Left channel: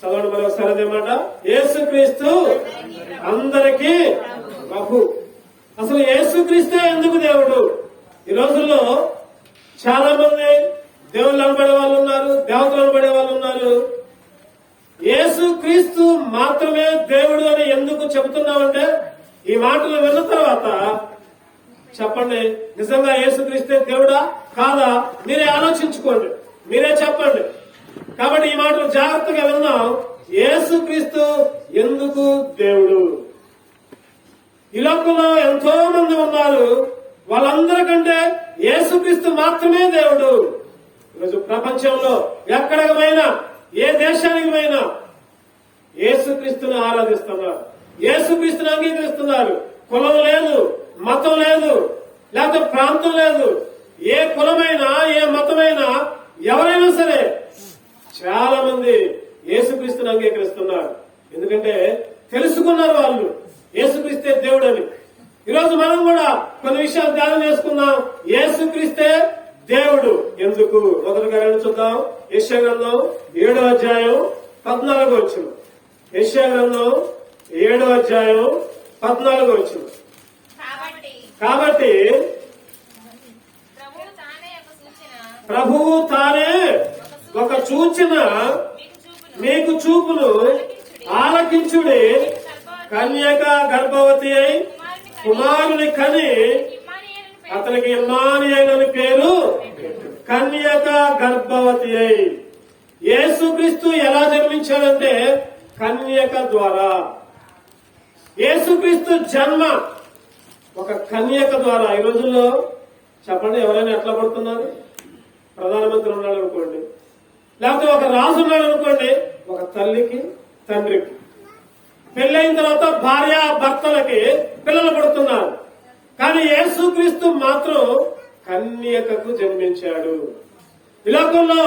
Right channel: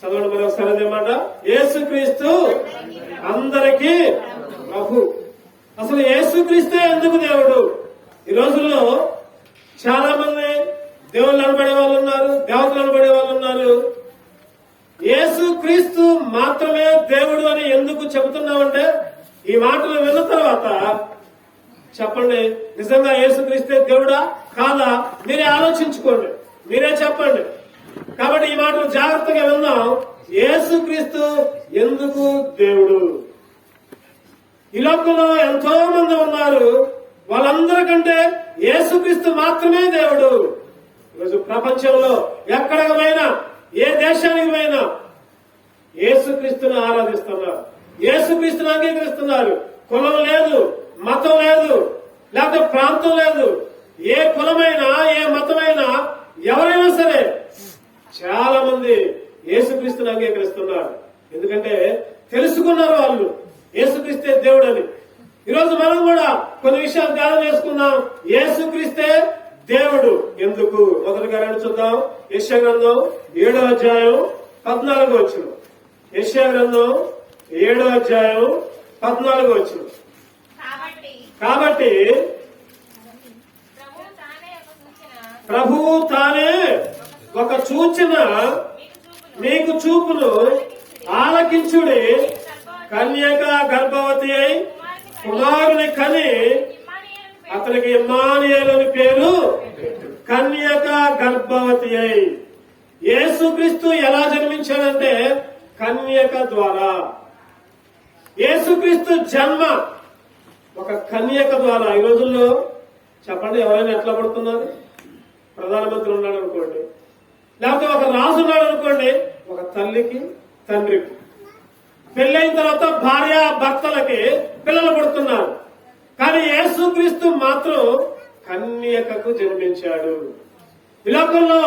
చదవండి మరి ఒకసారి అదేమాట. యేసుక్రీస్తు అందరికీ ప్రభు. అసలు యేసుక్రీస్తే ఎందుకు దేవుడు? ఈ రోజుల్లో చాలా మంది దేవుళ్ళు అనబడే వాళ్ళు ఉన్నారు, దేవతలు అనబడే వాళ్ళు ఉన్నారు. యేసుక్రీస్తు మాత్రమే దేవుడు అని ఎందుకు చెబుతున్నామంటే, ఈ మాటలు విన్న తర్వాత చెప్పండి, నిజంగా యేసుక్రీస్తే దేవుడా కాదా? మీరే ఆలోచించుకోండి, మీరే చెప్పండి. కాబట్టి ఈ మాటలు జాగ్రత్తగా విన్నాం. యేసుక్రీస్తు ఎందుకు దేవుడు? ఈ లోకంలో ఎంతో మంది ఉన్నారు, వాళ్ళందరికంటే యేసుక్రీస్తు మాత్రమే దేవుడు. ఈరోజు ప్రపంచంలో ఎక్కడికి పోయినా, ఏ దేశానికి పోయినా యేసుక్రీస్తును ఆరాధిస్తున్నారు, యేసుక్రీస్తును అంగీకరిస్తున్నారు. కులం లేదు, మతం లేదు, లేకపోతే ప్రాంతం లేదు. ఏ కులమైనా, ఏ మతమైనా, ఎవరైనా సరే చాలా మంది యేసుక్రీస్తును అంగీకరిస్తున్నారు. ఎందుకంటే తెలుసుకున్నారు వాళ్ళు యేసుక్రీస్తే దేవుడు అని. ఈరోజు మనం కూడా కొన్ని విషయాలు ధ్యానం చేసుకున్నాం. యేసుక్రీస్తే దేవుడు ఎందుకు? మొదలుగా చూద్దాం. యెషయా గ్రంథం 7వ అధ్యాయం 14వ వచనం. యెషయా గ్రంథం 7వ అధ్యాయం 14వ వచనం. కాబట్టి ప్రభువు తానే ఒక సూచన మీకు చూపును, ఆలకించుడి. కన్యక గర్భవతి అయి కుమారుని కని అతనికి ఇమ్మానుయేలు అని పేరు. కన్యక గర్భవతి అయి. యేసుక్రీస్తు ఎలా జన్మించాడంటే కన్యక ద్వారా. యేసుక్రీస్తు జన్మ ఒక కన్యక ద్వారా. ఈ రోజుల్లో చెప్పండి, ఎవరైనా ఎట్లా పడుతున్నారు? ప్రధానమంత్రి ఉన్నాడు అనుకోండి, లేకపోతే ఒక రాజు ఉన్నాడు అనుకోండి, ఒక తల్లికి తండ్రికి పెళ్ళైన తర్వాత భార్య భర్తలకి పిల్లలు పుడుతున్నారు. కానీ యేసుక్రీస్తు మాత్రం కన్యకకు జన్మించాడు. ఈ లోకంలో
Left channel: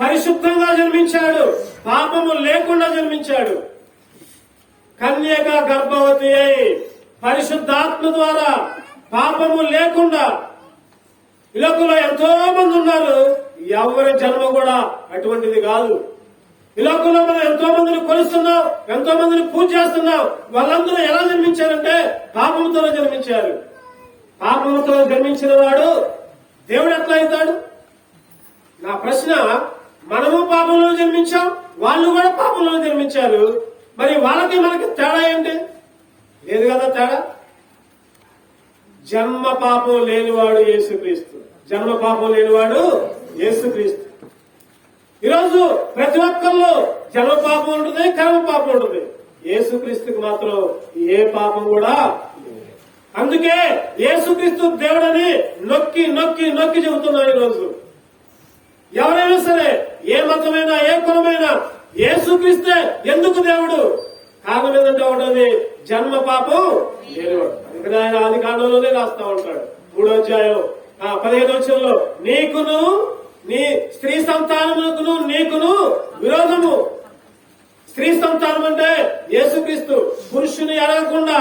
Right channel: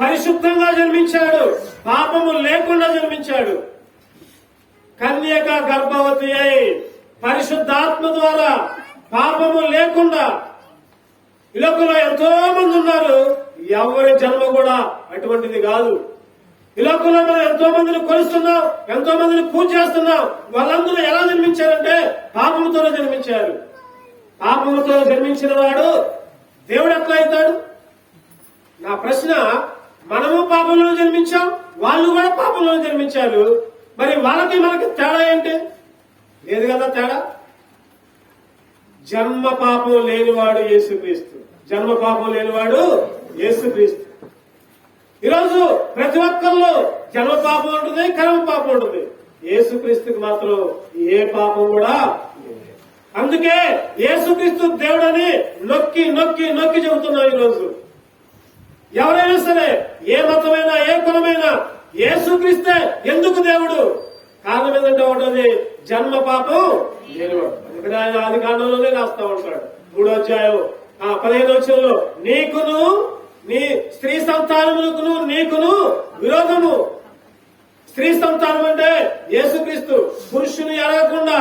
పరిశుద్ధంగా జన్మించాడు, పాపము లేకుండా జన్మించాడు. కన్యక గర్భవతి అయి పరిశుద్ధాత్మ ద్వారా పాపము లేకుండా. ఈ లోకంలో ఎంతో మంది ఉన్నారు, ఎవరి జన్మ కూడా అటువంటిది కాదు. ఈ లోకంలో మనం ఎంతో మందిని కొలుస్తున్నాం, ఎంతో మందిని పూజ చేస్తున్నాం. వాళ్ళందరూ ఎలా జన్మించారంటే పాపముతోనే జన్మించారు. పాపముతో జన్మించిన వాడు దేవుడు ఎట్లా అవుతాడు? నా ప్రశ్న, మనము పాపంలో జన్మించాం, వాళ్ళు కూడా పాపంలో జన్మించారు. మరి వాళ్ళకి మనకి తేడా ఏంటి? లేదు కదా తేడా. జన్మ పాపం లేనివాడు యేసుక్రీస్తు. జన్మ పాపం లేనివాడు యేసుక్రీస్తు. ఈరోజు ప్రతి ఒక్కరిలో జన్మ పాపం ఉంటుంది, కర్మ పాపం ఉంటుంది. యేసుక్రీస్తుకి మాత్రం ఏ పాపం కూడా లేదు. అందుకే యేసుక్రీస్తు దేవుడని నొక్కి నొక్కి నొక్కి చెబుతున్నాం. ఈరోజు ఎవరైనా సరే, ఏ మతమైనా, ఏ కులమైనా, యేసుక్రీస్తే ఎందుకు దేవుడు? కారణం ఏంటంటే ఒకటోది జన్మ పాపం లేదు. అందుకని ఆయన ఆది కాండంలోనే రాస్తా ఉంటాడు. 3వ అధ్యాయం 15వ వచనంలో, నీకును నీ స్త్రీ సంతానమునకును నీకును విరోధము. స్త్రీ సంతానం అంటే యేసుక్రీస్తు. పురుషుని ఎరగకుండా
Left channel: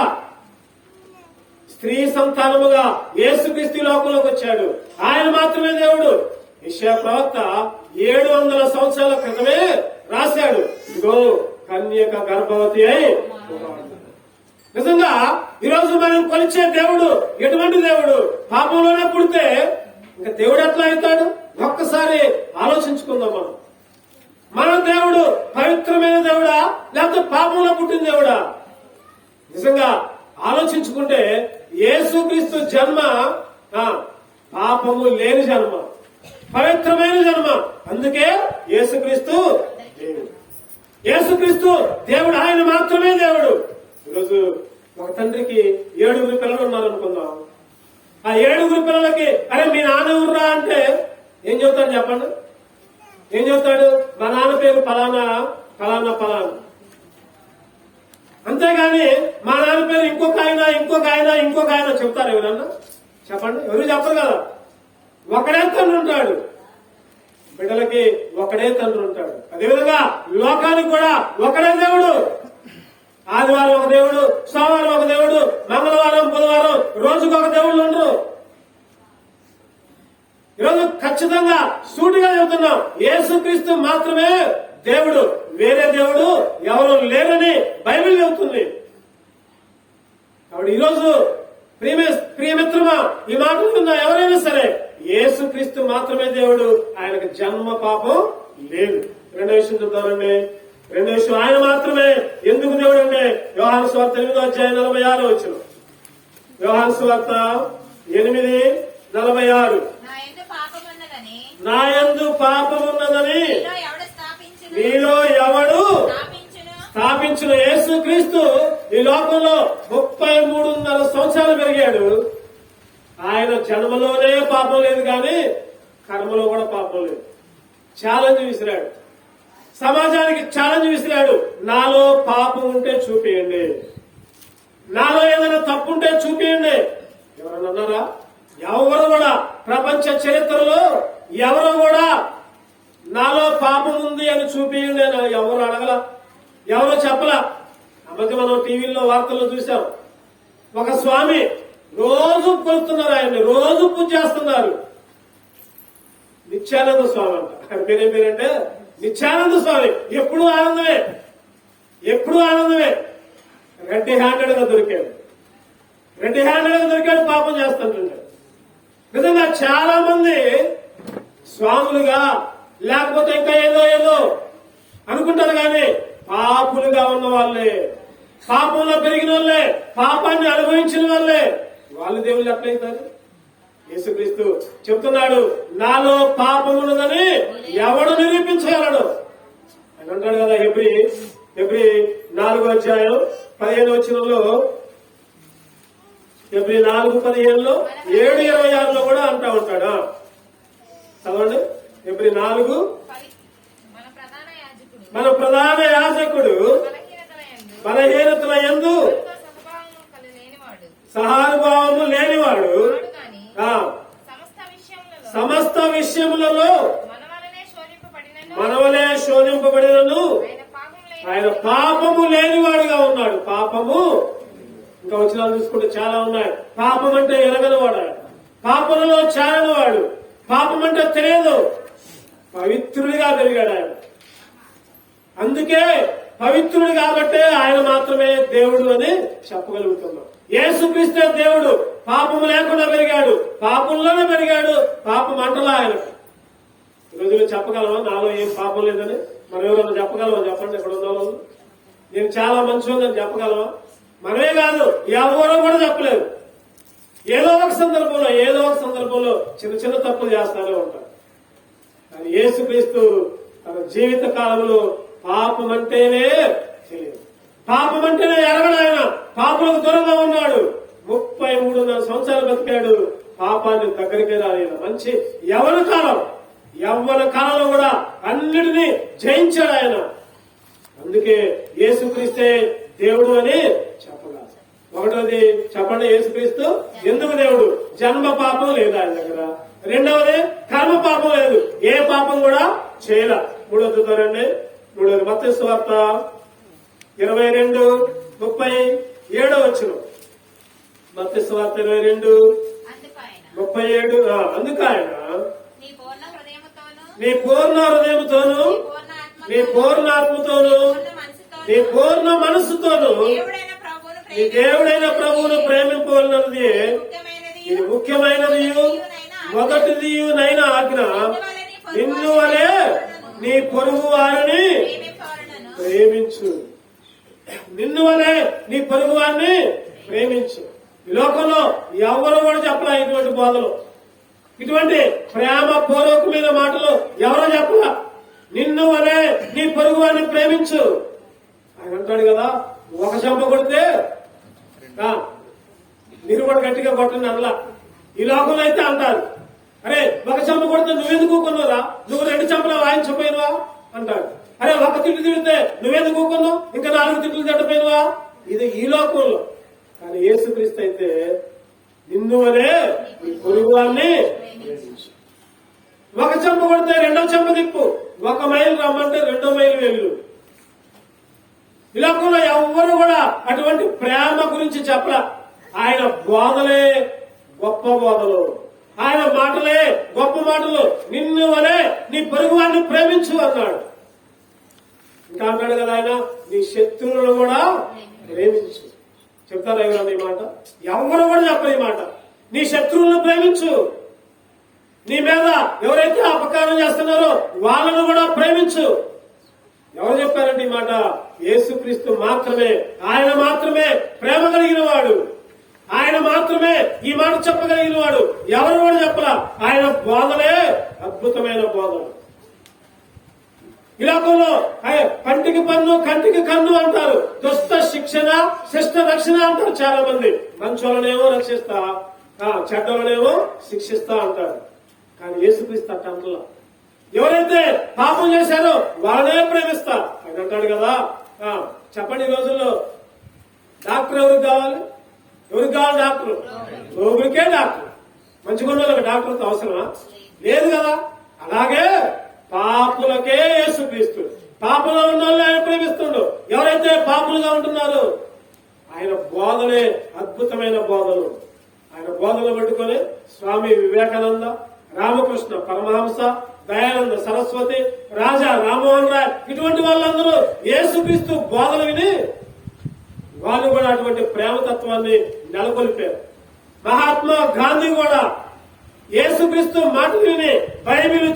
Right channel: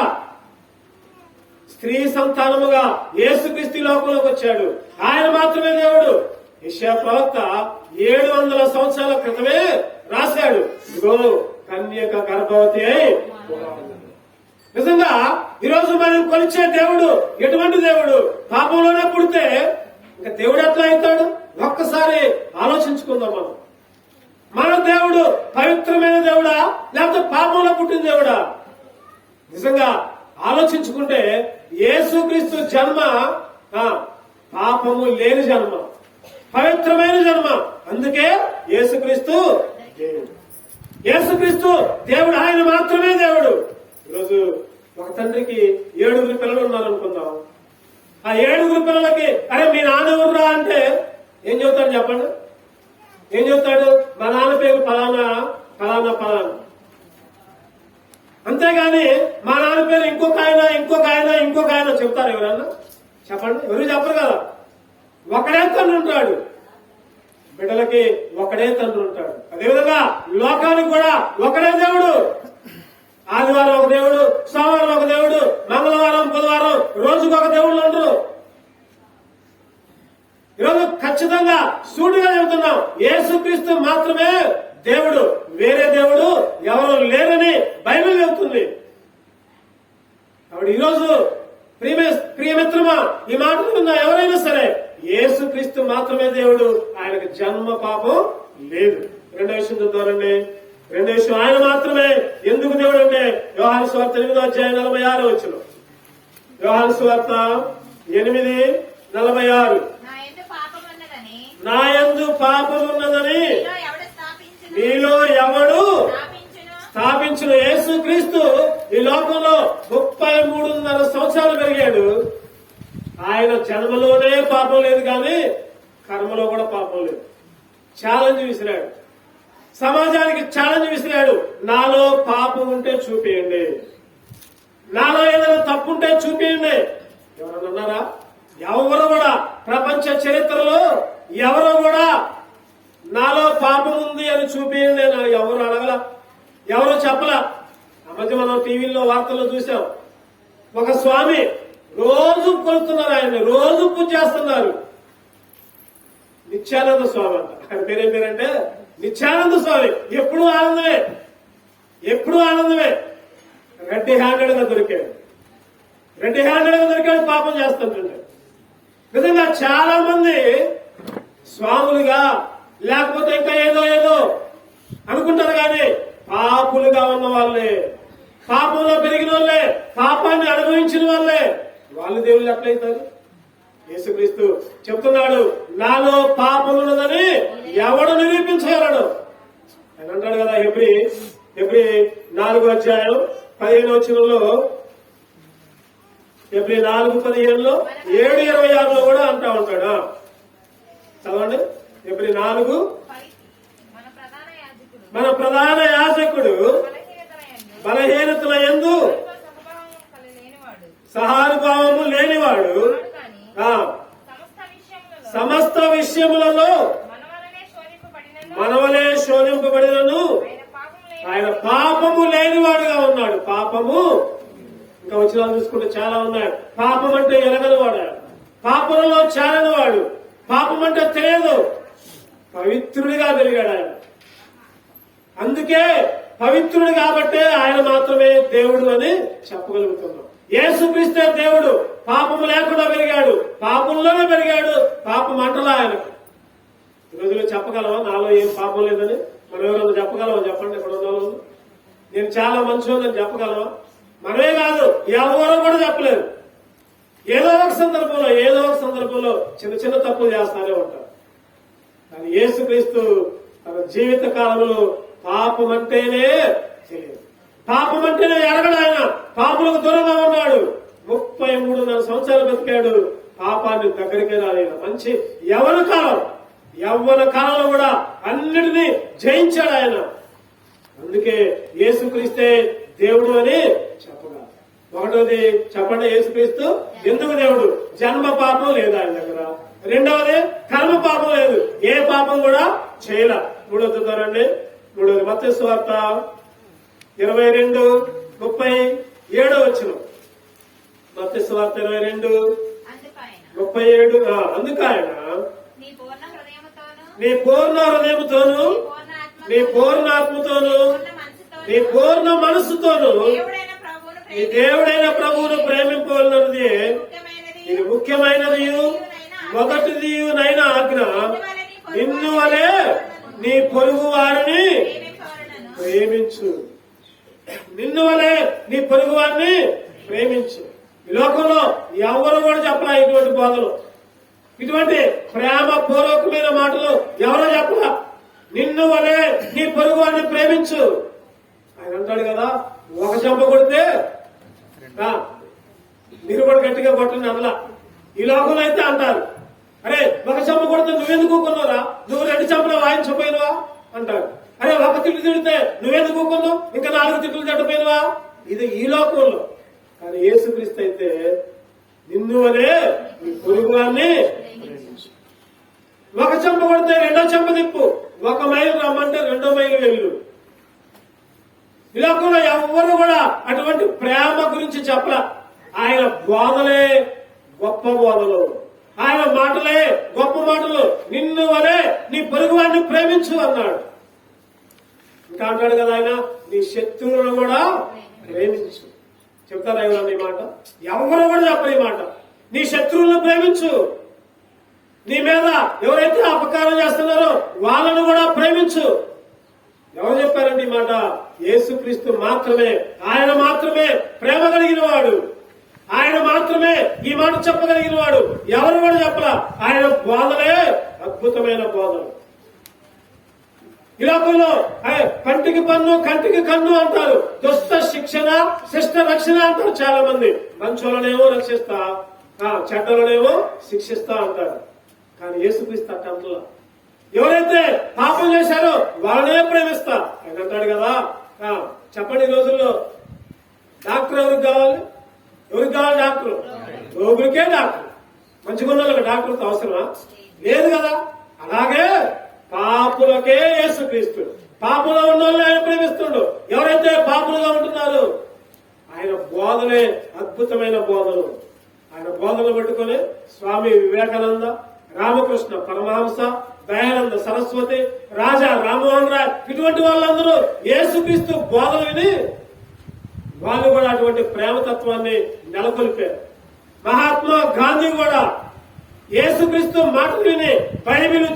స్త్రీ సంతానముగా యేసుక్రీస్తు లోకంలోకి వచ్చాడు. ఆయన మాత్రమే దేవుడు. యెషయా ప్రవక్త 700 సంవత్సరాల క్రితమే రాశాడు, ఇదిగో కన్యక గర్భవతి అయి. నిజంగా ఈరోజు మనం కొలిచే దేవుడు ఎటువంటి దేవుడు? పాపంలోనే పుడితే ఇంకా దేవుడు ఎట్లా అవుతాడు? ఒక్కసారి ఆలోచించుకుందాం. మన దేవుడు పవిత్రమైన దేవుడా, లేకపోతే పాపంలో పుట్టిన దేవుడా? నిజంగా ఆలోచించుకుంటే యేసుక్రీస్తు జన్మ పాపము లేని జన్మ, పవిత్రమైన జన్మ. అందుకే యేసుక్రీస్తు దేవుడు. యేసుక్రీస్తు దేవుడు, ఆయన మాత్రమే దేవుడు. ఈరోజు ఒక తండ్రికి 7 పిల్లలు ఉన్నారనుకుందాం. ఆ 7 పిల్లలకి అరే మీ నాన్న ఎవర్రా అంటే ఏం చెబుతాడు చెప్పండి? ఏం చెబుతాడు? మా నాన్న పేరు ఫలానా ఫలానా ఫలానా. అంతేగాని మా నాన్న పేరు ఇంకొక ఆయన ఇంకొక ఆయన ఇంకొక ఆయన చెప్తారు ఎవరన్నా? చెప్పండి, ఎవరు చెప్పరు కదా. ఒకడే తండ్రి ఉంటాడు, బిడ్డలకి ఒకడే తండ్రి ఉంటాడు. అదేవిధంగా లోకానికి కూడా ఒకడే దేవుడు. ఆదివారం ఒక దేవుడు, సోమవారం ఒక దేవుడు, మంగళవారం బుధవారం రోజుకు ఒక దేవుళ్ళు ఉండరు. ఈరోజు ఖచ్చితంగా సూటిగా చెబుతున్నాం, యేసుక్రీస్తు మాత్రమే దేవుడు, వేరే దేవుడు ఎవరు లేరని బైబిల్ చెబుతుంది. కాబట్టి ఈరోజు ప్రియమిత్రుగా ఈ మాటలు విన్న ఎవరైనా సరే, యేసుక్రీస్తు మాత్రమే దేవుడు, ఆయనకు జన్మ పాపం లేదు. రెండో విషయం చెప్తారండి. రెండో విషయం, ఆయన మాత్రమే ఎందుకు దేవుడు అంటే యోహాను సువార్త 8:46 యోహాను సువార్త 8:46 నా యందు పాపమున్నదని మీలో ఎవడు స్థాపించిన. యేసుక్రీస్తు ఈ లోకంలో 33.5 సంవత్సరాలు పెరిగాడు. ఆయన జన్మలోనే పాపం లేదు, కానీ కర్మలో కూడా పాపం లేదు. ఛాలెంజ్ విసిరాడు, సమాజానికి ఛాలెంజ్ విసిరాడు. నాలో పాపం ఉంటే చూపియండి, నాలో ఏదైనా తప్పుంటే చూపియండి. ఎవరన్నా అన్నారా? ఎవరు కూడా ప్రపంచ చరిత్రలో ఎవరు కూడా నాలో పాపం ఉంది అని చూపియండి అని ఎవరు అడగల, ఎవరో చెప్పలా. ఆ మధ్య మనం టీవీలో వార్తల్లో చూసాం, ఒక స్వామి రోజు కొలుస్తున్నారు, ఆయన్ని రోజు పూజ చేస్తున్నారు. నిత్యానంద స్వామి అంట. ఆయన పేరేం పేరంటే నిత్యానంద స్వామి. ఎప్పుడూ ఆనందమే, ఎప్పుడూ ఆనందమే. రెడ్డి హ్యాండెడ్ గా దొరికాడు, రెడ్డి హ్యాండెడ్ గా దొరికాడు, పాపం చేస్తుంటున్నాడు. నిజంగా చాలా మంది స్వాములుగా లేకపోతే ఇంకా ఏదో ఏదో అనుకుంటారు, కానీ పాపులుగా ఉన్న వాళ్ళే, పాపంలో పెరిగిన వాళ్ళే, పాపాన్ని అనుభవించిన వాళ్ళే, వాళ్ళు దేవుళ్ళు ఎట్లయితారు? యేసుక్రీస్తు చెప్తున్నాడు, నాలో పాపమున్నదని ఎవడు నిరూపించగలడు అని అంటాడు కదా. హెబ్రీ 4:15 హెబ్రీ 4:15 7:26 కూడా అంటా ఉంటాడు. చదవండి. హెబ్రీ 4, మన ప్రధాన యాజకుడు బలహీనతల యందు సహానుభావము లేనివాడు, సమస్త విషయములలో మనవలే శోధింపబడినను ఆయన పాపము లేనివాడుగా ఉన్నాడు. పాపము ఇంకా వచ్చిన చూసుకుంటే చాలా ఉన్నాయి. పాపం అంటే ఎరగనివాడు, పాపంలో చేరనివాడు, పాపం అంటే తెలియదు, పవిత్రుడిగా పెరిగాడు ఆయన. అందుకే పవిత్రుడు కాబట్టే ఆయన మాత్రమే దేవుడు అని చెప్పగలుగుతున్నాం. యేసుక్రీస్తే దేవుడు, పాపము లేకుండా పెరిగాడు, పాపంలోనే పెరిగాడు, పాపం అంటలా ఆయనకు. ఈరోజు చెప్పగలమా నాలో ఏం పాపం లేదని? మనం ఎవరన్నా చెప్పగలమా? చెప్పండి. ఎక్కడ ఉన్నావు? నేను చాలా మంచిదని చెప్పగలమా? మనమే కాదు, ఎవరో కూడా చెప్పలేదు. ఏదో ఒక సందర్భంలో చిన్న చిన్న తప్పులు చేస్తానే ఉంటాం. కానీ యేసుక్రీస్తు తన జీవిత కాలంలో పాపం అంటేనే తెలియదు, పాపం అంటేనే ఎరగడు. ఆయన పాపులకు దూరంగా ఉన్నాడు. 33.5 సంవత్సరాలు బతికాడు, పాపాన్ని దగ్గరికి రాలేదు. మంచి యవ్వన కాలంలో కూడా అన్నిటినీ జయించాడు ఆయన. అందుకే యేసుక్రీస్తే దేవుడు అని చెప్పగలరు. ఒకటోది చెప్పండి, యేసుక్రీస్తు ఎందుకు దేవుడు? జన్మ పాపం లేదు ఆయన దగ్గర. రెండవది కర్మ పాపం లేదు, ఏ పాపం కూడా చేయల. మూడవది మత్తయి సువార్త 22:37 మత్తయి సువార్త 22:37 అందుకు ఆయన నీ పూర్ణ హృదయముతోను, నీ పూర్ణ ఆత్మతోను, నీ పూర్ణ మనస్సుతోను నీ దేవుడైన ప్రభువును ప్రేమింపవలనది ఇది ముఖ్యమైనది మొదటిది నైనా ఆజ్ఞ. నిన్ను వలె నీ పొరుగు వారిని ప్రేమించు, నిన్ను వలె నీ పొరుగు వారిని ప్రేమించు. ఈ లోకంలో ఎవరు కూడా చెప్పరా ఇటువంటి బోధలు, ఇటువంటి ప్రేమ పూర్వకమైన మాటలు ఎవరో చెప్పరా. నిన్ను వలె నీ పొరుగు వారిని ప్రేమించు. ఆయన అంటాడు కదా, ఒక చెంప కొడితే మీరు కూడా గట్టిగా కొట్టండి అట్లా. ఈ లోకంలో అయితే అంటారు, అరే ఒక చెంప కొడితే నువ్వెందుకు ఊకున్నావురా, నువ్వు 2 చెంపలు వాయించపోయినవా అంటారు. అరే ఒక తిట్టు తిడితే నువ్వెందుకు ఊకున్నావు, ఇంకా 4 తిట్లు తిట్టపోయినవా. ఇది ఈ లోకంలో. కానీ యేసుక్రీస్తు అయితే నిన్ను వలే నీ పొరుగు వారిని ఒక చెంప కొడితే 2వ చెంప తిప్పు, 1 మైలు రమ్మంటే 2 మైలు వెళ్ళు. ఈ లోకంలో ఎవ్వరు కూడా అటువంటి ప్రేమ గురించి చెప్పరా. ఆయన బోధలే గొప్ప బోధలు, ఆయన మాటలే గొప్ప మాటలు. నిన్ను వలే నీ పొరుగువాడిని ప్రేమించు అన్నాడు. ఇంకా అన్నాడు కదా ఆయన, నీ శత్రువులను కూడా ప్రేమించు. చెప్తారా ఎవరన్నా ఈ మాట? ఎవరు కూడా చెప్పరు ఈ మాట. నీ శత్రువులను ప్రేమించు. నీ మీద ఎవరైతే అపకారం చేస్తున్నారో వాళ్ళను కూడా ప్రేమించు. ఎవరు చెప్పారండి ఈ మాట? యేసుక్రీస్తు మాత్రమే. ఆయన మాత్రమే ప్రేమ కలిగిన వాడు. ఆయన మాత్రమే ఈ మాట చెప్పగలిగిన వాడు. ఎవరు కూడా చెప్పలా. ఆయన బోధలే అద్భుతమైన బోధన. ఈ లోకంలో పంటికి పన్ను కంటికి కన్ను అంటారు. దుష్ట శిక్షణ శిష్ట రక్షణ అంటారు చాలా మంది. మంచోళ్ళనేమో రక్షిస్తా, చెడ్డలనేమో శిక్షిస్తా అంటారు. కానీ యేసుక్రీస్తు అంటలా. ఎవరైతే పాపం చేశారో వాళ్ళనే ప్రేమిస్తా ఆయన అంటాడు కదా. చెప్పండి, ఈ రోజుల్లో డాక్టర్ ఎవరికి కావాలి? ఎవరికి కావాలి డాక్టర్? రోగులకే డాక్టర్. మంచిగా ఉన్న వాళ్ళకి డాక్టర్తో అవసరమా? లేదు కదా. అలాగే పాపులకే యేసుక్రీస్తుడు. పాపంలో ఉన్న వాళ్ళు ఆయన ప్రేమిస్తుడు. ఎవరైతే పాపులుగా ఉంటున్నారో ఆయన బోధలే అద్భుతమైన బోధలు. ఆయన బోధనలు పట్టుకొని స్వామి వివేకానంద, రామకృష్ణ పరమహంస, దయానంద సరస్వతి, రాజా రామ్మోహన్ రాయ్, ఇటువంటి వాళ్ళందరూ యేసుక్రీస్తు బోధలు విని వాళ్ళు కూడా అటువంటి ప్రేమతత్వాన్ని నెలకొల్పారు. మహాత్మా గాంధీ కూడా యేసుక్రీస్తు మాటలు విని బైబిల్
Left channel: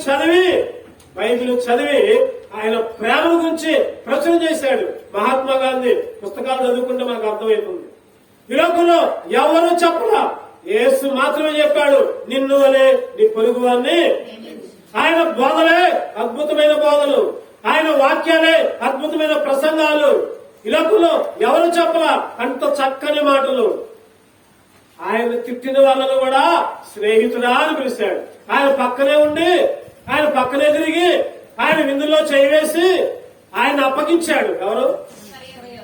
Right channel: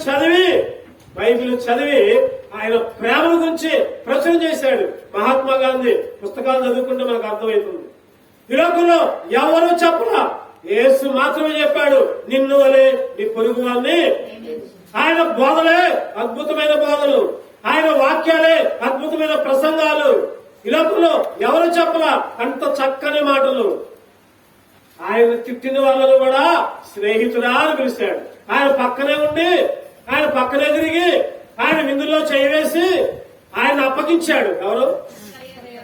చదివి ఆయన ప్రేమల గురించి ప్రచురణ చేశాడు. మహాత్మా గాంధీ పుస్తకాలు చదువుకుంటే మనకు అర్థమవుతుంది. ఈ లోకంలో ఎవరూ చెప్పలా, యేసు మాత్రమే చెప్పాడు, నిన్ను వలే నీ పొరుగు వారిని. ఆయన బోధలే అద్భుతమైన బోధలు. ఆయన వాక్యాలే అద్భుతమైన ప్రసంగాలు. ఈ లోకంలో ఎవరు చెప్పలా అంత చక్కని మాటలు. ఆయన తిట్టిన వాళ్ళను కూడా స్నేహితుడా అని పిలిచాడు. ఆయన పక్కనే ఉండి, ఆయన పక్కనే తిరిగి, ఆయన విందులో చేయివేసి ఆయన అప్పగించాడు. ఎవరు?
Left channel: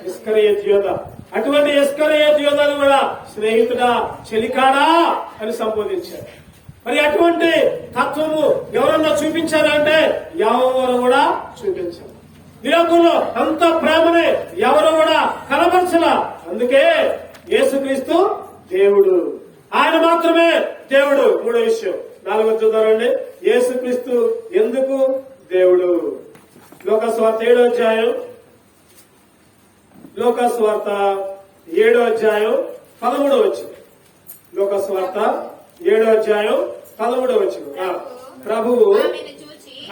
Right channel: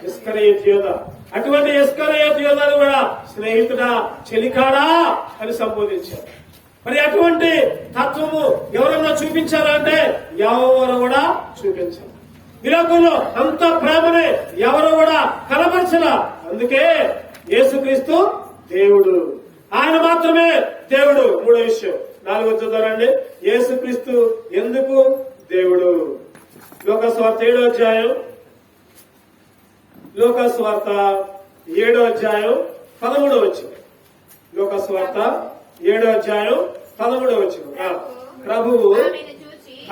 ఇస్కరియోతు యోధ. అటువంటి ఇస్కరియోతు యోధాను కూడా స్నేహితుడా, చెలికాడా అని సంబోధించాడు. మరి అటువంటి తత్వము ఎవరన్నా చూపించారా అంటే ఎవరు కూడా చూపించారు. ఈ లోకంలో అంత ప్రేమని ఎవరు కూడా కనబరచలా. అందుకే యేసుక్రీస్తు దేవుడు. ఆయన మాత్రమే దేవుడు. మూడో విషయం, 4వ చూద్దామండి. యేసుక్రీస్తు ఎందుకు దేవుడు? లోకాసువార్త 7వ అధ్యాయం, లోకాసువార్త 7వ అధ్యాయం 13వ వచనం. లోకాసువార్త 7వ అధ్యాయం 13వ వచనం. ప్రభువు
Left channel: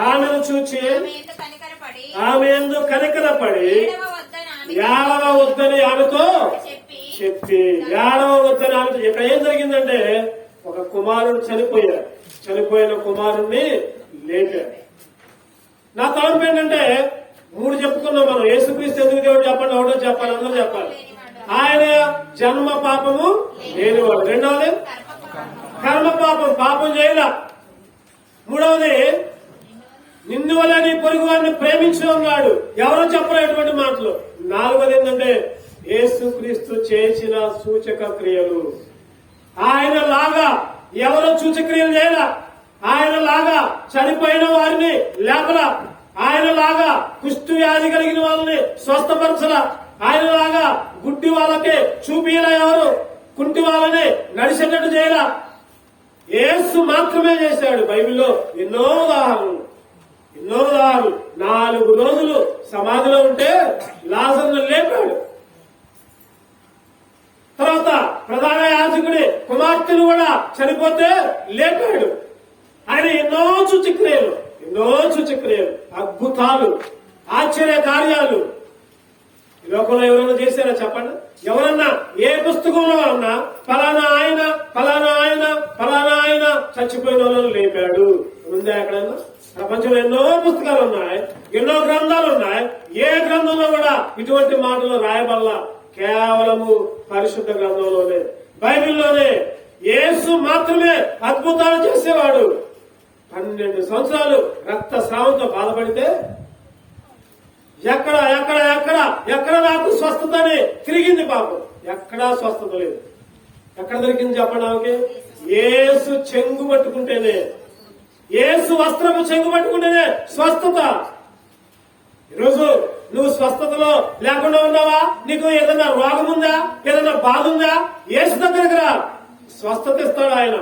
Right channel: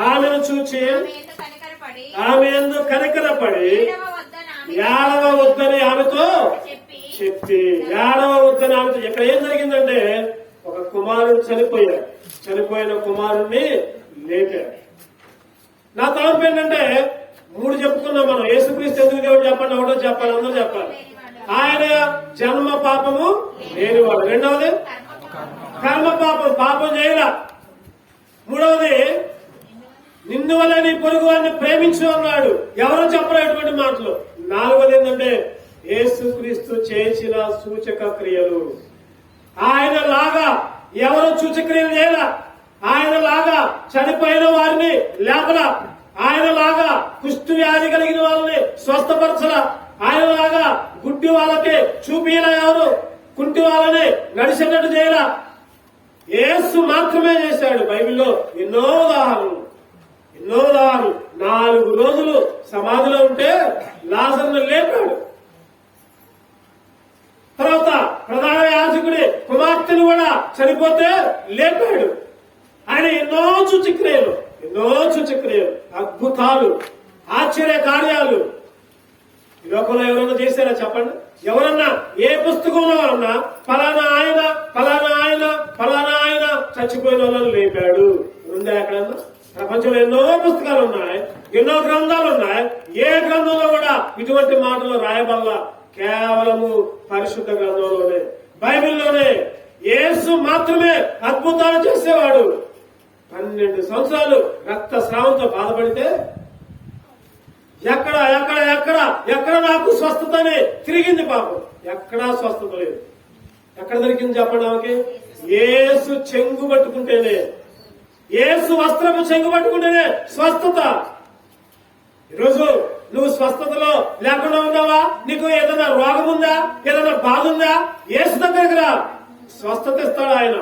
ఆమెను చూచి ఆమె ఎందుకు కనికరపడి ఏడవ వద్దని ఆమెతో చెప్పి, ఏడవ వద్దని ఆమెతో. ఇక్కడ ఏం జరిగిందంటే ఒక కుమారుడు చనిపోయాడు. చనిపోయిన కుమారుణ్ణి లేపాడు. నా తలంపు ఏంటంటే 3 చెప్పుకున్నాం మనం. యేసుక్రీస్తు ఎందుకు దేవుడు చెప్పండి, ఒకటో చెప్పాలి, అందరూ చెప్పాలి. ఆయన జన్మ పాపము లేనివాడు. రెండవది కర్మ పాపం, పాపం చేయరా. మూడవది నిన్ను వల్ల నీ పొరుగు వారిని ప్రేమించు అన్నాడు. ఎవరో చెప్పలేటువంటి మాటలు. 4వది ఏంటంటే యేసుక్రీస్తు చేసిన సూచక క్రియలు. ఆయన లాగా ఎవరు సూచక్రియలు చేయరా. ఆయన లాగా చనిపోయిన వారిని లేపలా. ఆయన లాగా కుష్టు వ్యాధి కలిగిన వాళ్ళని స్వస్థపరచలా. ఆయన లాగా గుడ్డి వాళ్ళకి చూపిలా. ఎవరు కుంటి వాళ్ళని నడిచేటట్టు చేయలా. యేసు మాత్రమే చేశాడు. బైబిల్లో ఎన్నో ఉదాహరణలు. 4 రోజులు సమాధిలో ఉంటే లాజరును లేపాడు. తర్వాత ప్రధాన యాజకుడి కుమార్తెను కూడా చనిపోతే లేపాడు. ఆయన ఎన్నో సూచక్రియలు, అద్భుతాలు, ఆశ్చర్య కార్యాలు ఈ లోకంలో ఎవరైనా చేశారా చెప్పండి? ఎవరన్నా ఏ పుస్తకంలో అన్నా ఫలానా ఆయన చచ్చిపోయిన వాళ్ళని లేపాడు ఉందా ఎక్కడన్నా? ప్రపంచంలో ఎన్నో పుస్తకాలు ఉన్నాయి, ఎన్నో గ్రంథాలు ఉన్నాయి. ఏ గ్రంథంలో కూడా ఇటువంటి మాటలు రాయబల్లా. కేవలము పరిశుద్ధ గ్రంథంలోనే, బైబిల్లోనే. యేసు మాత్రమే అద్భుతాలు చేసేవాడు. 12 సంవత్సరాలు రక్తస్రావంతో బాధపడితే ఎక్కడ నాకు స్వస్థత అని తిరిగింది పాపం. ఎక్కడా స్వస్థత లేదు. ఎక్కడ దొరికింది చెప్పండి ఆమెకి? యేసు చెంగు పట్టుకుంటేనే, యేసు వస్త్రము చెంగు పట్టుకుంటేనే స్వస్థత. ఈరోజు నువ్వు స్వస్థతలో లేకుండా ఉన్నావా? నీకు ఏదైనా రోగం ఉందా? ఏదైనా బాధ ఉందా? యేసు దగ్గరికి రా, స్వస్థత ఇస్తాడు ఆయన.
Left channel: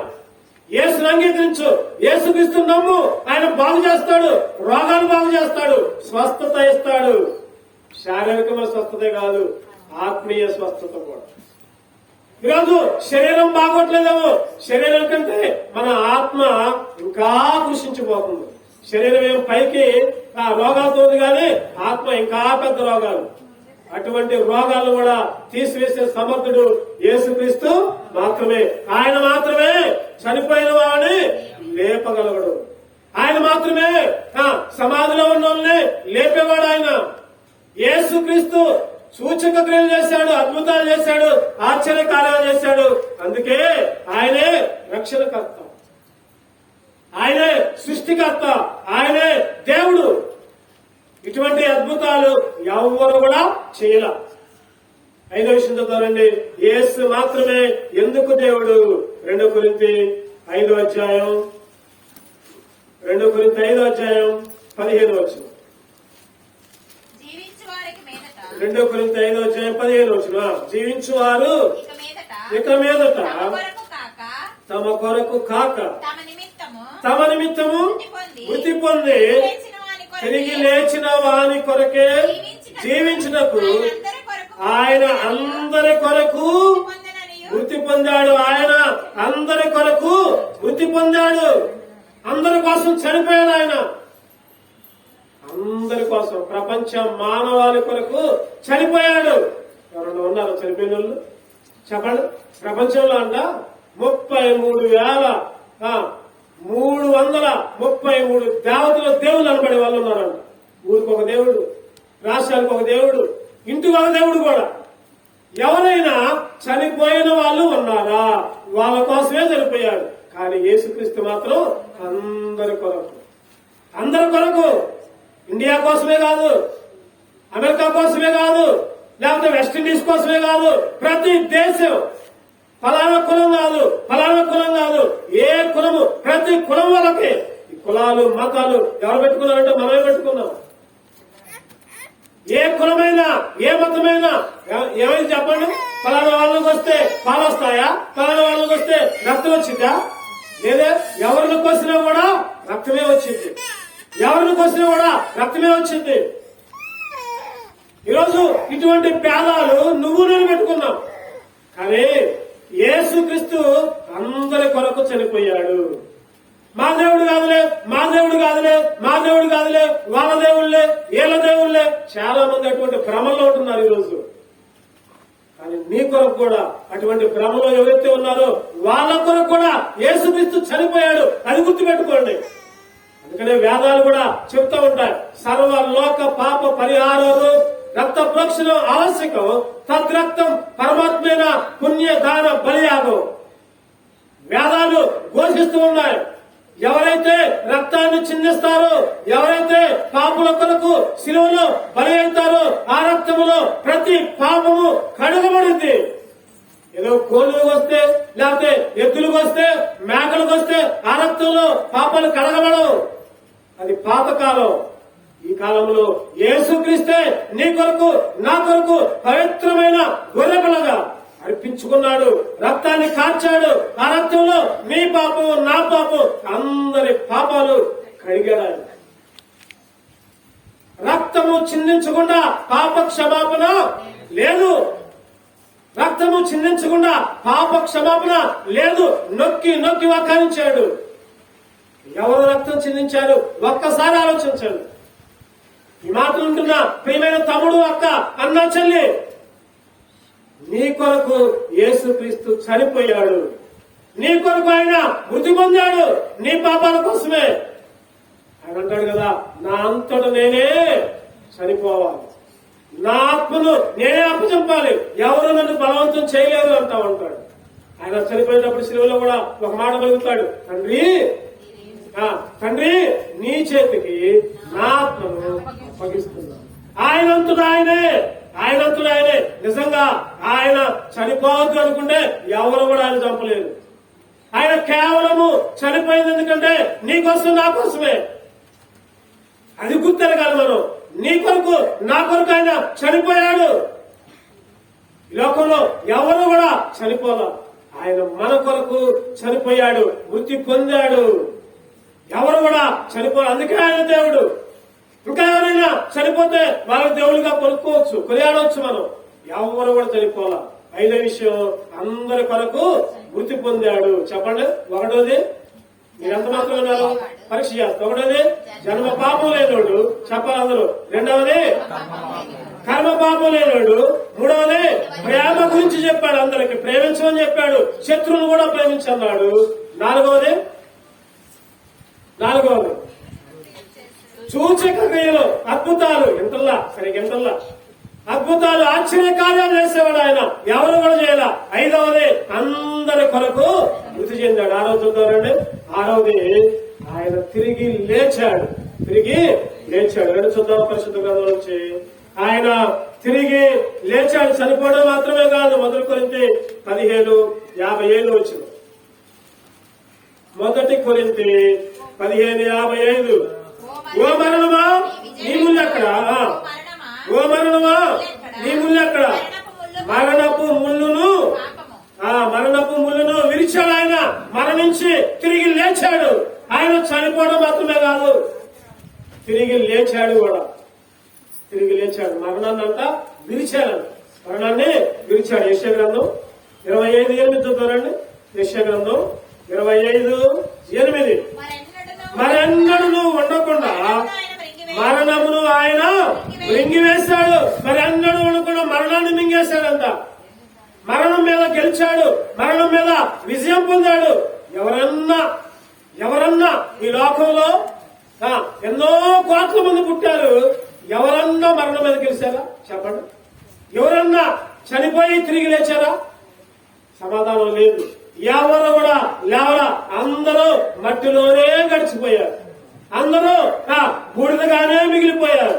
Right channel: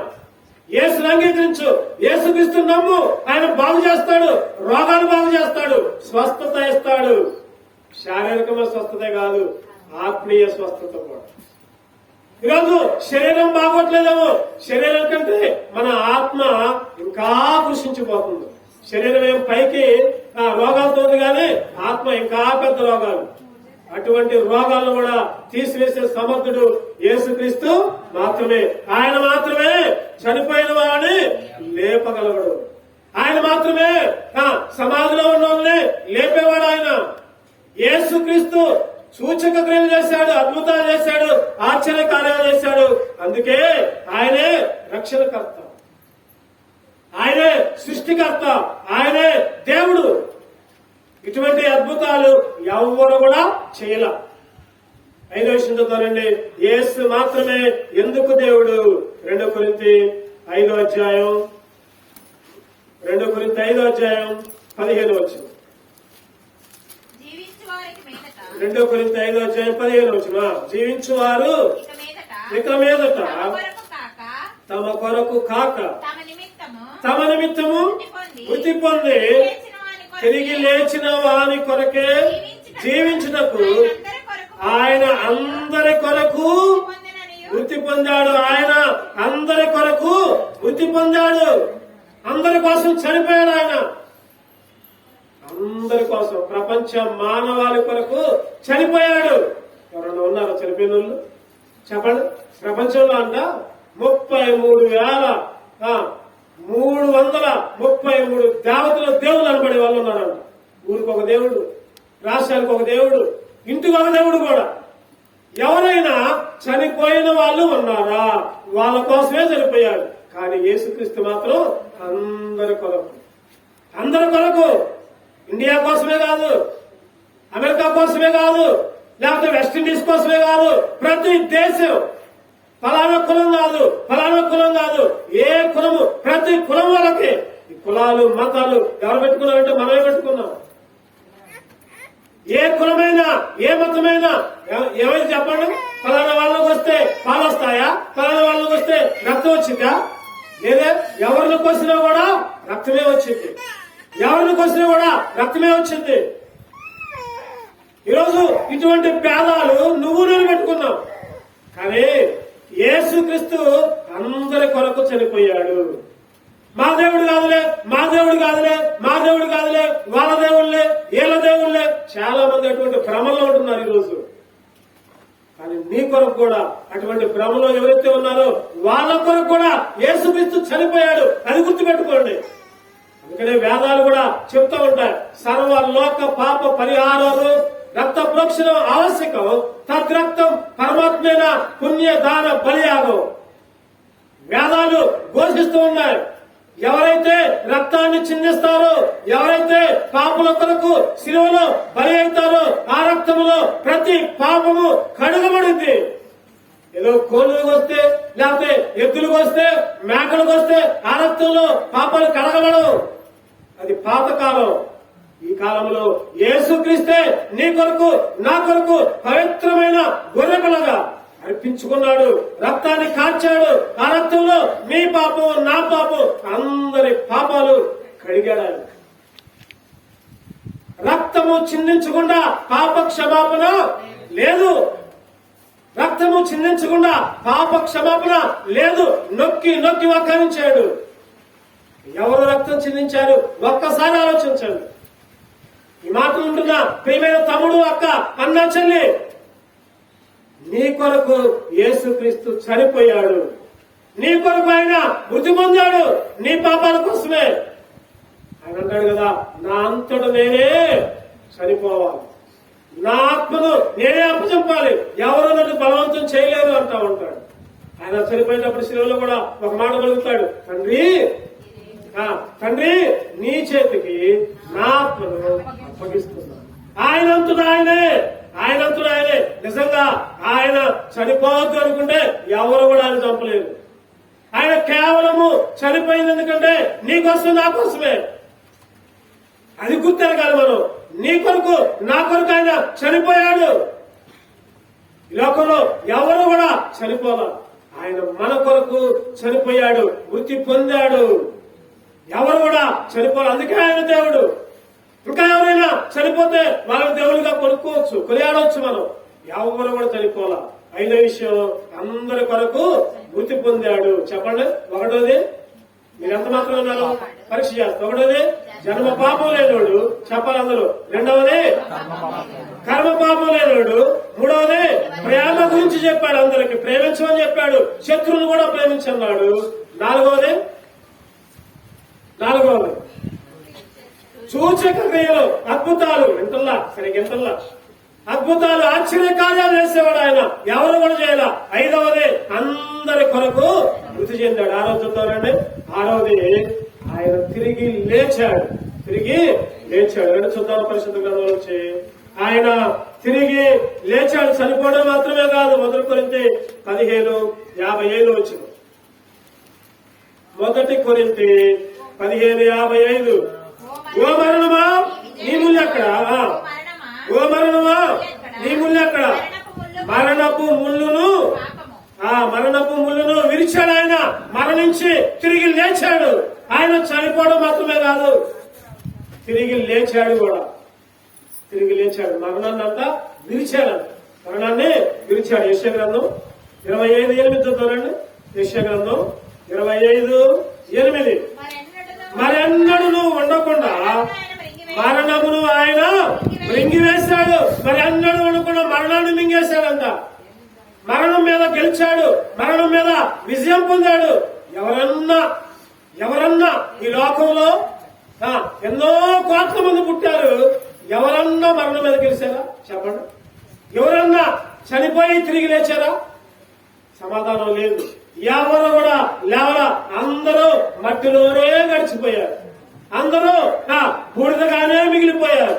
యేసుని అంగీకరించు, యేసుక్రీస్తు నమ్ము, ఆయన బాగు చేస్తాడు, రోగాలు బాగు చేస్తాడు, స్వస్థత ఇస్తాడు. శారీరకమైన స్వస్థతే కాదు, ఆత్మీయ స్వస్థత కూడా. ఈరోజు శరీరం బాగోట్లేదేమో, శరీరం కంటే మన ఆత్మ ఇంకా కృషించిపోతుంది. శరీరం ఏం పైకి రోగాలతో ఉంది కానీ ఆత్మ ఇంకా పెద్ద రోగాలు. అటువంటి రోగాలను కూడా తీసివేసే సమర్థుడు యేసుక్రీస్తు మాత్రమే. ఆయన మాత్రమే చనిపోయిన వారిని లేపగలగడు. ఆయన మాత్రమే సమాధిలో ఉన్న వాళ్ళని లేపేవాడు. ఆయన యేసుక్రీస్తు సూచక క్రియలు చేశాడు, అద్భుతాలు చేశాడు, ఆశ్చర్య కార్యాలు చేశాడు. అందుకే ఆయనే రక్షణకర్త, ఆయనే సృష్టికర్త, ఆయనే దేవుడు. ఇటువంటి అద్భుతాలు ఎవరు కూడా చేయలే. 5వ విషయం చదువుతానండి. యేసు మాత్రమే ఎందుకు దేవుడు. 2 కొరింథీ 5వ అధ్యాయం 15వ వచనం. 2 కొరింథీ 5వ అధ్యాయం 15వ వచనం. జీవించువారు ఇక మీదట తమ కొరకు కాక తమ నిమిత్తము మృతి పొంది తిరిగి లేచిన వాని కొరకే జీవించుటకు ఆయన అందరి కొరకు మృతి పొందాడు. ఆయన అందరి కొరకు మృతి పొందాడు. అందరి కోసం చనిపోయాడు. ఆయన అందరి కోసం, ప్రపంచ మానవాళి కొరకు చనిపోయాడు. ఎవరన్నా ఉన్నారు చనిపోయిన వాళ్ళు? చెప్పండి. ప్రపంచంలో అంట 33,333 దేవతలు, దేవుళ్ళు అనబడే వాళ్ళు ఉన్నారంట. ఊరికి ఒక దేవుడు, రాష్ట్రానికి ఒక దేవుడు, ఇంటికి ఒక దేవుడు కూడా. ఎవరైనా చనిపోయిన వాళ్ళు ఉన్నారా? వాళ్ళ కోసమే చనిపోయారు. కానీ యేసుక్రీస్తు మాత్రం అందరి కొరకు, అందరి కొరకు. ఇండియా కోసమే కాదు, అమెరికా కోసమే కాదు, లేకపోతే వెస్టిండీస్ కోసమే కాదు. ప్రతి దేశం, ఫలానా కులం కాదు, ఫలానా కులం కాదు, ఏ కులము, ప్రతి కులం వాళ్ళకి. ఈ కులాలు మతాలు ఎవరు పెట్టుకున్నారంటే మనమే పెట్టుకున్నాం. ఏ కులమైనా ఏ మతమైనా ఏమైంది చెప్పండి? ఫలానా వాళ్ళకి వస్తే పాలు వస్తాయా? ఫలానా వాళ్ళకి వస్తే రక్తం వచ్చిందా? లేదా? ఎవరిని కోసినా కూడా రక్తమే వచ్చింది. ఎవరిని కోసినా కూడా రక్తమే వచ్చింది. ఈరోజు ఇటువంటి పేదాలు నువ్వు నేను పెట్టుకున్నావు. కానీ యేసుక్రీస్తు అందరి కొరకు చనిపోయాడు. మా దేవుడు కాదులే, మా దేవుడు కాదులే, మా దేవుడు కాదులే, వాళ్ళ దేవుళ్లే, వీళ్ళ దేవుళ్లే. చాలా మంది అటువంటి భ్రమలో ఉంటున్నారు ఈరోజు. కానీ నీ కొరకు కూడా అటువంటి భ్రమలో ఎవరైతే ఉన్నారో వాళ్ళ కొరకు కూడా యేసుక్రీస్తు చనిపోయాడు. అది గుర్తుపెట్టుకోండి. అందుకనే వేదాలు కూడా చెప్తూ ఉంటాయి, సర్వలోక పాప పరిహారం రక్త ప్రోక్షణం ఆవశ్యకం, తద్రక్తం పరమాత్మైన పుణ్యదాన బలియాగం. వేదాలు ఘోషిస్తూ ఉన్నాయి. ఎవరైతే రక్తాన్ని చిందిస్తారో, ఎవరైతే పాపుల కొరకు శిలువలో బలి అవుతారో, ఆ రక్తములో ప్రతి పాపము కడుగబడింది. ఏదో కోళ్ళకు వస్తే, లేకపోతే ఎద్దులకు వస్తే, మేకలకు వస్తే ఆ రక్తంలో పాపాలు కడగబడవు. అది పాతకాలం. ఈ కాలంలో యేసుక్రీస్తే నీ కొరకు నా కొరకు పవిత్రమైన గొర్రెపిల్లగా అర్పించుకున్నాడు. రక్తాన్ని కార్చాడు. ఆ రక్తంలో నీ పాపం, నా పాపం, అందరి పాపాలు కడిగాడు. రక్తము చిందించకుండా పాప క్షమాపణ లేదు. రక్తము చిందించకుండా పాప క్షమాపణ లేదు. నొక్కి నొక్కి వ్యాఖ్యానించాడు. ఎవరు రక్తం చిందించారు? ఒక్కసారి ఆలోచించండి. ఈ మాటలు ఉంటున్నా ప్రియమైన తమ్ముడు, అక్క, అన్న, చెల్లి, నీ కొరకు యేసుక్రీస్తు చనిపోయాడు. నీ కొరకు ఆయన మృతి పొందాడు. నీ పాపాల కోసమే. ఆయన అంటాడు కదా, నా అంతటా నేనే చనిపోవాలి, నా ఆత్మను నేనే అప్పచెప్పాలి, ఎవరు నన్ను బలవంతం చేయలేదు అంటా ఉంటాడు. ఆయన చనిపోయినప్పుడు శిలువలో కూడా ఒక మాట కలుగుతాడు, తండ్రి నీ చేతికి నా ఆత్మను అప్పగిస్తున్నాను. ఆయనంతుడు ఆయనే. నిజంగా ఆయన చనిపోవద్దు అనుకుంటే ఎవరు కూడా ఆయన చంపలేదు. ఆయన కేవలము చనిపోయింది ఎందుకంటే నీ కోసం, నా కోసమే. అది గుర్తెరగాలి మనం. నీ కొరకు, నా కొరకు ఆయన చనిపోయాడు. ఈ లోకంలో ఎవరు కూడా చనిపోవాలి. ఆయన మన కొరకు చనిపోయాడు, మృతి పొందాడు. ఎవరు కూడా చనిపోరు, అందుకే ఆయన దేవుడు. ఇంకా ఎవరైనా చనిపోతే వాళ్ళని దేవుడిగా కొనుక్కోవచ్చు, కొనియాడవచ్చు. మనం ఎవరు కూడా చనిపోవాలా. 5వ విషయం, అందరి కొరకు మృతి పొందాడు. చెప్పండి. 1వది, మీరు ఎంత మాత్రం ఉన్నారు? పరీక్ష చేస్తారు. 1వది జన్మ పాపం లేనోడు, చెప్పాలి అందరూ. 2వది కర్మ పాపం లేనోడు. 3వది ప్రేమ గురించి చెప్పాడు, అందరికి ప్రేమించమని చెప్పాడు, శత్రువును కూడా ప్రేమించన్నాడు. 4వది సూచక క్రియలు, అద్భుతాలు, ఎంతల్లా సరిగ్గా ఎంతల్లా అద్భుతాలు, ఆశ్చర్య కార్యాలు చేసేవాడు ఆయన. ఎవరు కూడా చేయాల. 5వది అందరి కొరకు మృతి చెందాడు. 6వ చూద్దామండి. 6వది ఆయన తిరిగి లేచాడు. రెండు చూద్దాం పరిశుద్ధ గ్రంథం నుంచి. ఆయన తిరిగి లేచాడు. చనిపోవడం మాత్రమే కాదు. 1 కొరింథీ 15:57 వచ్చిన 1 కొరింథీ 15:55. ఓ మరణమా నీ ముళ్ళెక్కడ? ఓ మరణమా నీ ముళ్ళెక్కడ? మరణపు ముళ్ళును విరిచాడు. ఆయన మరణించి తిరిగి లేచాడు. ఆయన చనిపోవడం మాత్రమే కాదు, తిరిగి లేచాడు కూడా. మరణాన్ని అంతా విరిచాడు. యెషయా గ్రంథం 25:8 చూద్దామండి. యెషయా గ్రంథం 25:8. మరెన్నడూ ఉండకుండా మరణమును ఆయన మింగివేశాడు. మరెన్నడూ ఉండకుండా మరణాన్ని మింగేశాడంట. మరణం మీద గెలిచాడు, మరణం మీద విజయం పొందాడు. ఎవరన్నా ఈ లోకంలో ఎన్నో కోట్ల మంది పుట్టారు, ఎవరన్నా మరణం మీద గెలిచారా? చెప్పండి. ఎవరన్నా చనిపోయి తిరిగి లేచారా? సమాధానం లేదు. ఎవరు కూడా లేవరా. అందరూ మట్టిలోనే గడిచిపోయారు. అందరూ బూడిదగానే మిగిలిపోయారు.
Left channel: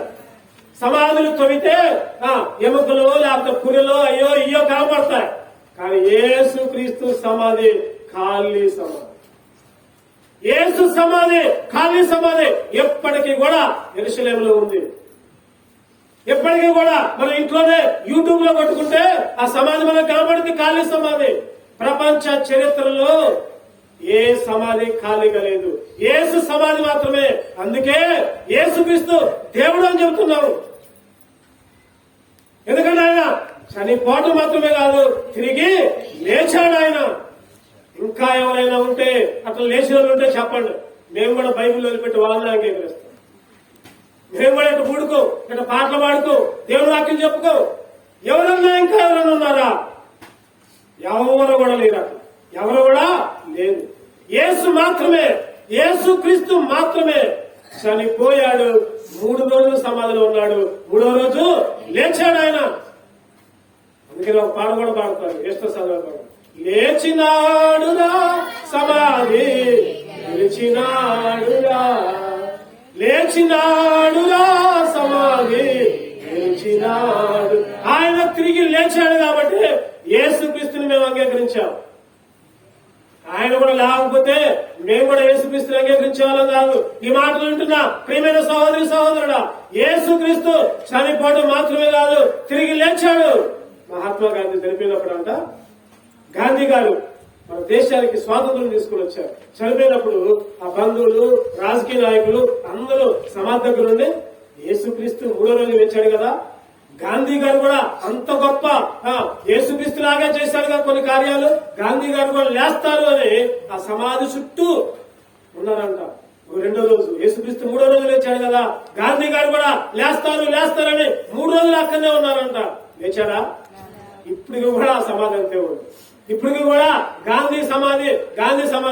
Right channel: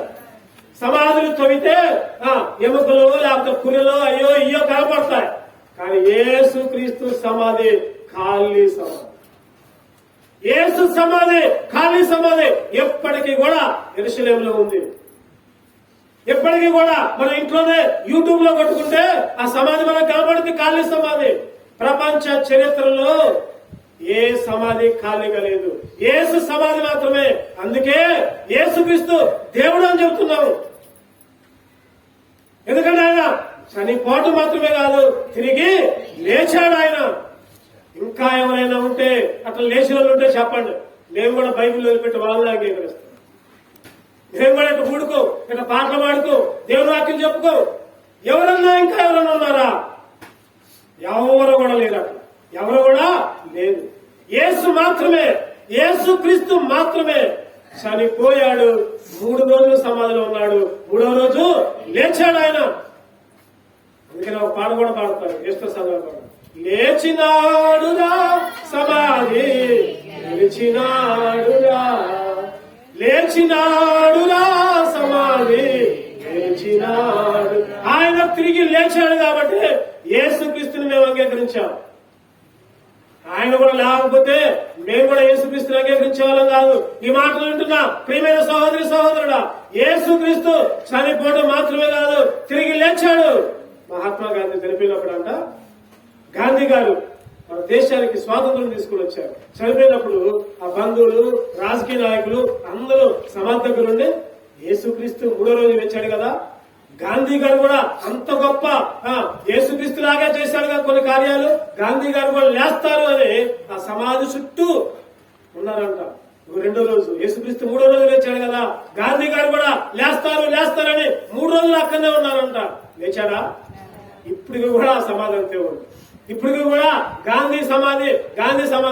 సమాధులు తవ్వితే ఎముకలు లేకపోతే పుర్రెలు అయ్యో ఇయ్యో కనపడతాయి. కానీ యేసు క్రీస్తు సమాధి ఖాళీ సమాధి. యేసు సమాధి ఖాళీ సమాధి ఎప్పటికీ కూడా యెరూషలేములో ఉంది. ఎప్పటికీ కూడా మన ఇంట్లోనే యూట్యూబ్ లో కొట్టుకుంటే ఆ సమాధి మనకు కనబడింది, ఖాళీ సమాధి. ప్రపంచ చరిత్రలో ఏ సమాధి ఖాళీగా లేదు, యేసు సమాధి మాత్రమే. అందుకే యేసుక్రీస్తు దేవుడు అని చెబుతున్నాము. ఎందుకంటే ఆయన చనిపోవడం మాత్రమే కాదు, తిరిగి లేచాడు ఆయన. ఇంకా ఎవరైనా ఉంటే అట్లా లేచిన వాళ్ళు ఉంటే చెప్పండి. మేము కూడా బైబిల్ వదిలిపెట్టి వాళ్ళని అంగీకరిస్తాం. మేము కూడా ఇట్లా కూడుకో, ఇట్లా పాటలు పాడుకో, దేవుడు వాక్యం చెప్పుకో. ఎవరన్నా ఇంకా ఎవరన్నా ఉన్నారా? ఎవరు కూడా లేరు. ఎవరు కూడా లేదు. యేసు మాత్రమే, యేసు క్రీస్తు మాత్రమే చనిపోయాడు. 3 రోజులు సమాధిలో ఉన్నాడు. 3వ రోజు లేచాడు ఆయన. అందుకని ఒక పాట కూడా పాడతారు, ఈస్టర్ సందర్భంగా. లేచినాడురా సమాధి గెలిచినాడురా, లేచినాడురా సమాధి గెలిచినాడు. ఆయన తిరిగి లేచాడు కాబట్టి యేసుక్రీస్తుని మేము అంగీకరించాం. ఆయన కూడా లేకపోతే మేము కూడా యేసుక్రీస్తుని అంగీకరించేవాళ్ళం కాదు. ఈ మాటలు వింటున్నా ప్రియమైన సహోదరి సహోదరుడా, యేసుక్రీస్తు చనిపోవడం మాత్రమే కాదు, తిరిగి లేచాడు. మహాత్మా గాంధీ చనిపోయినప్పుడంట, గాంధీ గారు మన దేశానికి స్వాతంత్రం తీసుకుని వచ్చారు. చనిపోయినప్పుడు ఆ బంధువులు, రాజకీయ నాయకులు అందరూ సమాధి నుండి యేసుక్రీస్తు 3వ రోజు లేచాడు కదా, గాంధీ గారు కూడా అంత గొప్ప యేసుక్రీస్తు లాగా చేశాడుగా కొన్ని కార్యాలు, గాంధీ గారు కూడా లేస్తారు అని ఆ సమాధి చుట్టూ ఉన్నారంట. 2వ రోజు యేసుక్రీస్తు 3వ రోజు లేచాడు కదా, గాంధీ గారు కూడా లేస్తారని 3 రోజులు అక్కడనే ఉన్నారంట. లేచాడా? ఇప్పటికి కూడా ఆ సమాధి అంతే ఉంది. ఇప్పటికి కూడా గాంధీ సమాధి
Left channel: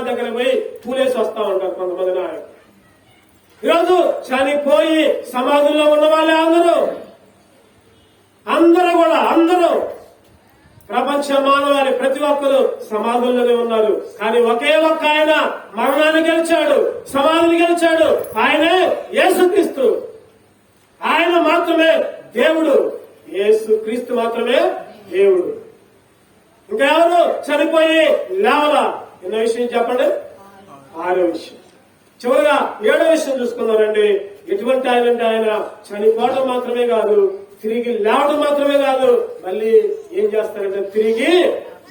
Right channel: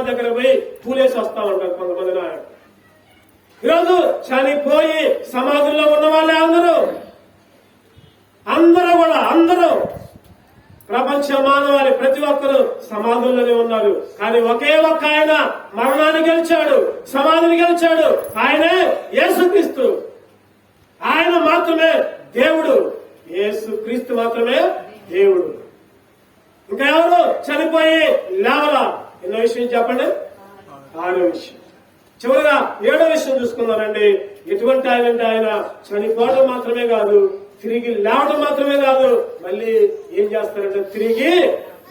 దగ్గర పోయి పూలేసి వస్తా ఉంటారు కొంతమంది నాయకులు. ఈరోజు చనిపోయి సమాధుల్లో ఉన్న వాళ్ళే అందరూ ప్రపంచ మానవాళి ప్రతి ఒక్కరు సమాధుల్లోనే ఉన్నారు. కానీ ఒకే ఒక్క ఆయన మరణాన్ని గెలిచాడు, సమాధిని గెలిచాడు. ఆయనే యేసుక్రీస్తు. ఆయన మాత్రమే దేవుడు. యేసుక్రీస్తు మాత్రమే దేవుడు. ఇంకా ఎవరు చనిపోయి లేవలా? ఎన్నో విషయం చెప్పండి? 6వ విషయం. చివరిగా 7వ విషయం చూసుకున్నారండి. ఎటువంటి ఆయన అంటే ఆయన చనిపోవడం మాత్రమే కాదు, తిరిగి లేవడం మాత్రమే కాదు, మళ్ళీ ఏం చేస్తారంటే తిరిగి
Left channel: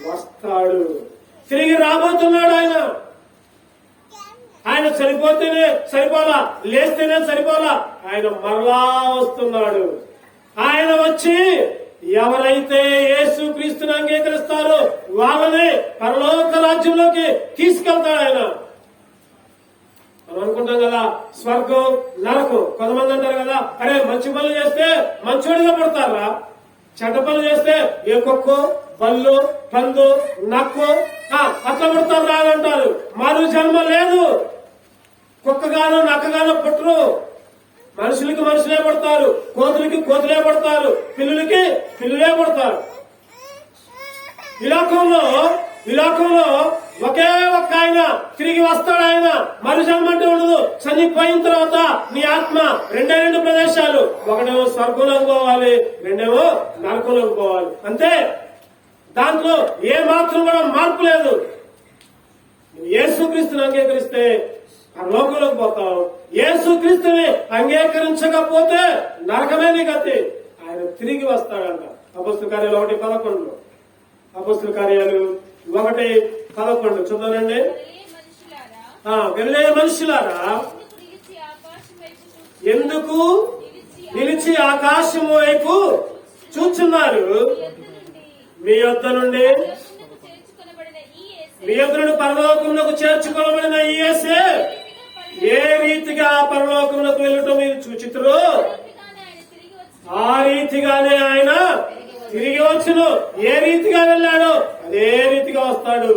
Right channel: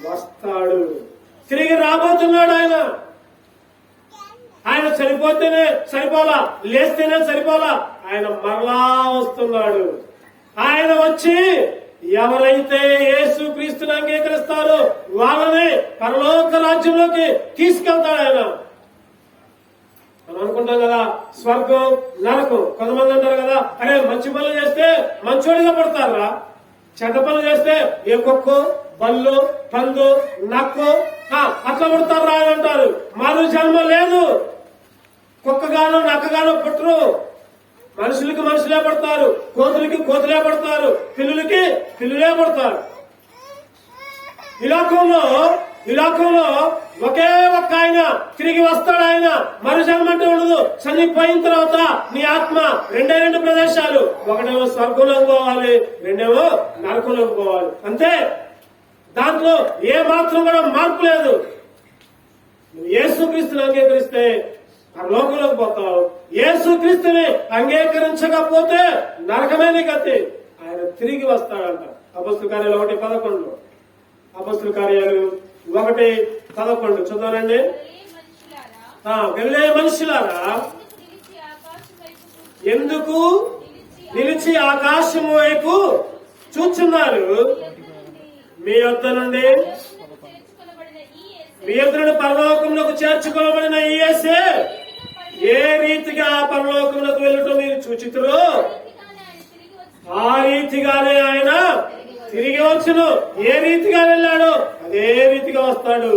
వస్తాడు. తిరిగి రాబోతున్నాడు ఆయన. ఆయన చనిపోతేనే సరిపోలా, లేస్తేనే సరిపోలా, ఆయన మరలా వస్తున్నాడు. ఆయన వచ్చి ఎవరైతే యేసుక్రీస్తుని అంగీకరిస్తారో వాళ్ళని పరలోక రాజ్యంలోకి తీసుకెళ్తాడు ఆయన. మనం అనుకుంటాం కదా స్వర్గం నరకం. కొంతమంది అంటారు కదా, అరే మంచి పనులు చేస్తే మంచోడిగా పడతారా, చెడ్డ పనులు చేస్తే ఏ కుక్కు బల్లు పందు నక్కు అట్లా పడతారా అని అంటారు. మరో జన్మ లేదు. కుక్కగాను నక్కగాను పుట్టరు. మనుషులకి మనుషులే పడతారు, కోతులకి కోతులే పడతారు, పిల్లులకి పిల్లులే పడతారు. ఈ లోకంలో ఒకే ఒక్క ఆయన తిరిగి వస్తాడు. ఆయన మరు జన్మ అంటే ఉండదు. చనిపోయిన తర్వాత నీ ఆత్మ రెండు ప్రదేశాలు, ఒకటేమో స్వర్గంలోకి పోవాలి, రెండేమో నరకంలోకి పోవాలి. అంతే, దాంట్లో ఏ మాత్రం కూడా మార్పు లేదు. నువ్వు యేసుక్రీస్తుని అంగీకరిస్తే ఆ లోకంలోకి పోతావు. యేసుక్రీస్తుని అంగీకరించకపోతే నరకమే నీ గతి. ఆయన తిరిగి వస్తాడంట. అపొస్తలుల కార్యాలు 1:11. అపొస్తలుల కార్యాలు 1:11 చదవనండి. గలిలయ మనుషులారా, ఎందుకు నిలిచి ఆకాశం వైపు చూచున్నారు? మీ యొద్ద నుండి పరలోకములకు చేర్చుకోబడిన ఈ యేసే ఏ రీతిగా పరలోకములకు వెళ్ళటం మీరు చూచితురో ఆ రీతిగానే ఆయన తిరిగి వచ్చును. ఏ రీతిగా వెళ్ళాడో అదే రీతిగా వస్తాడు.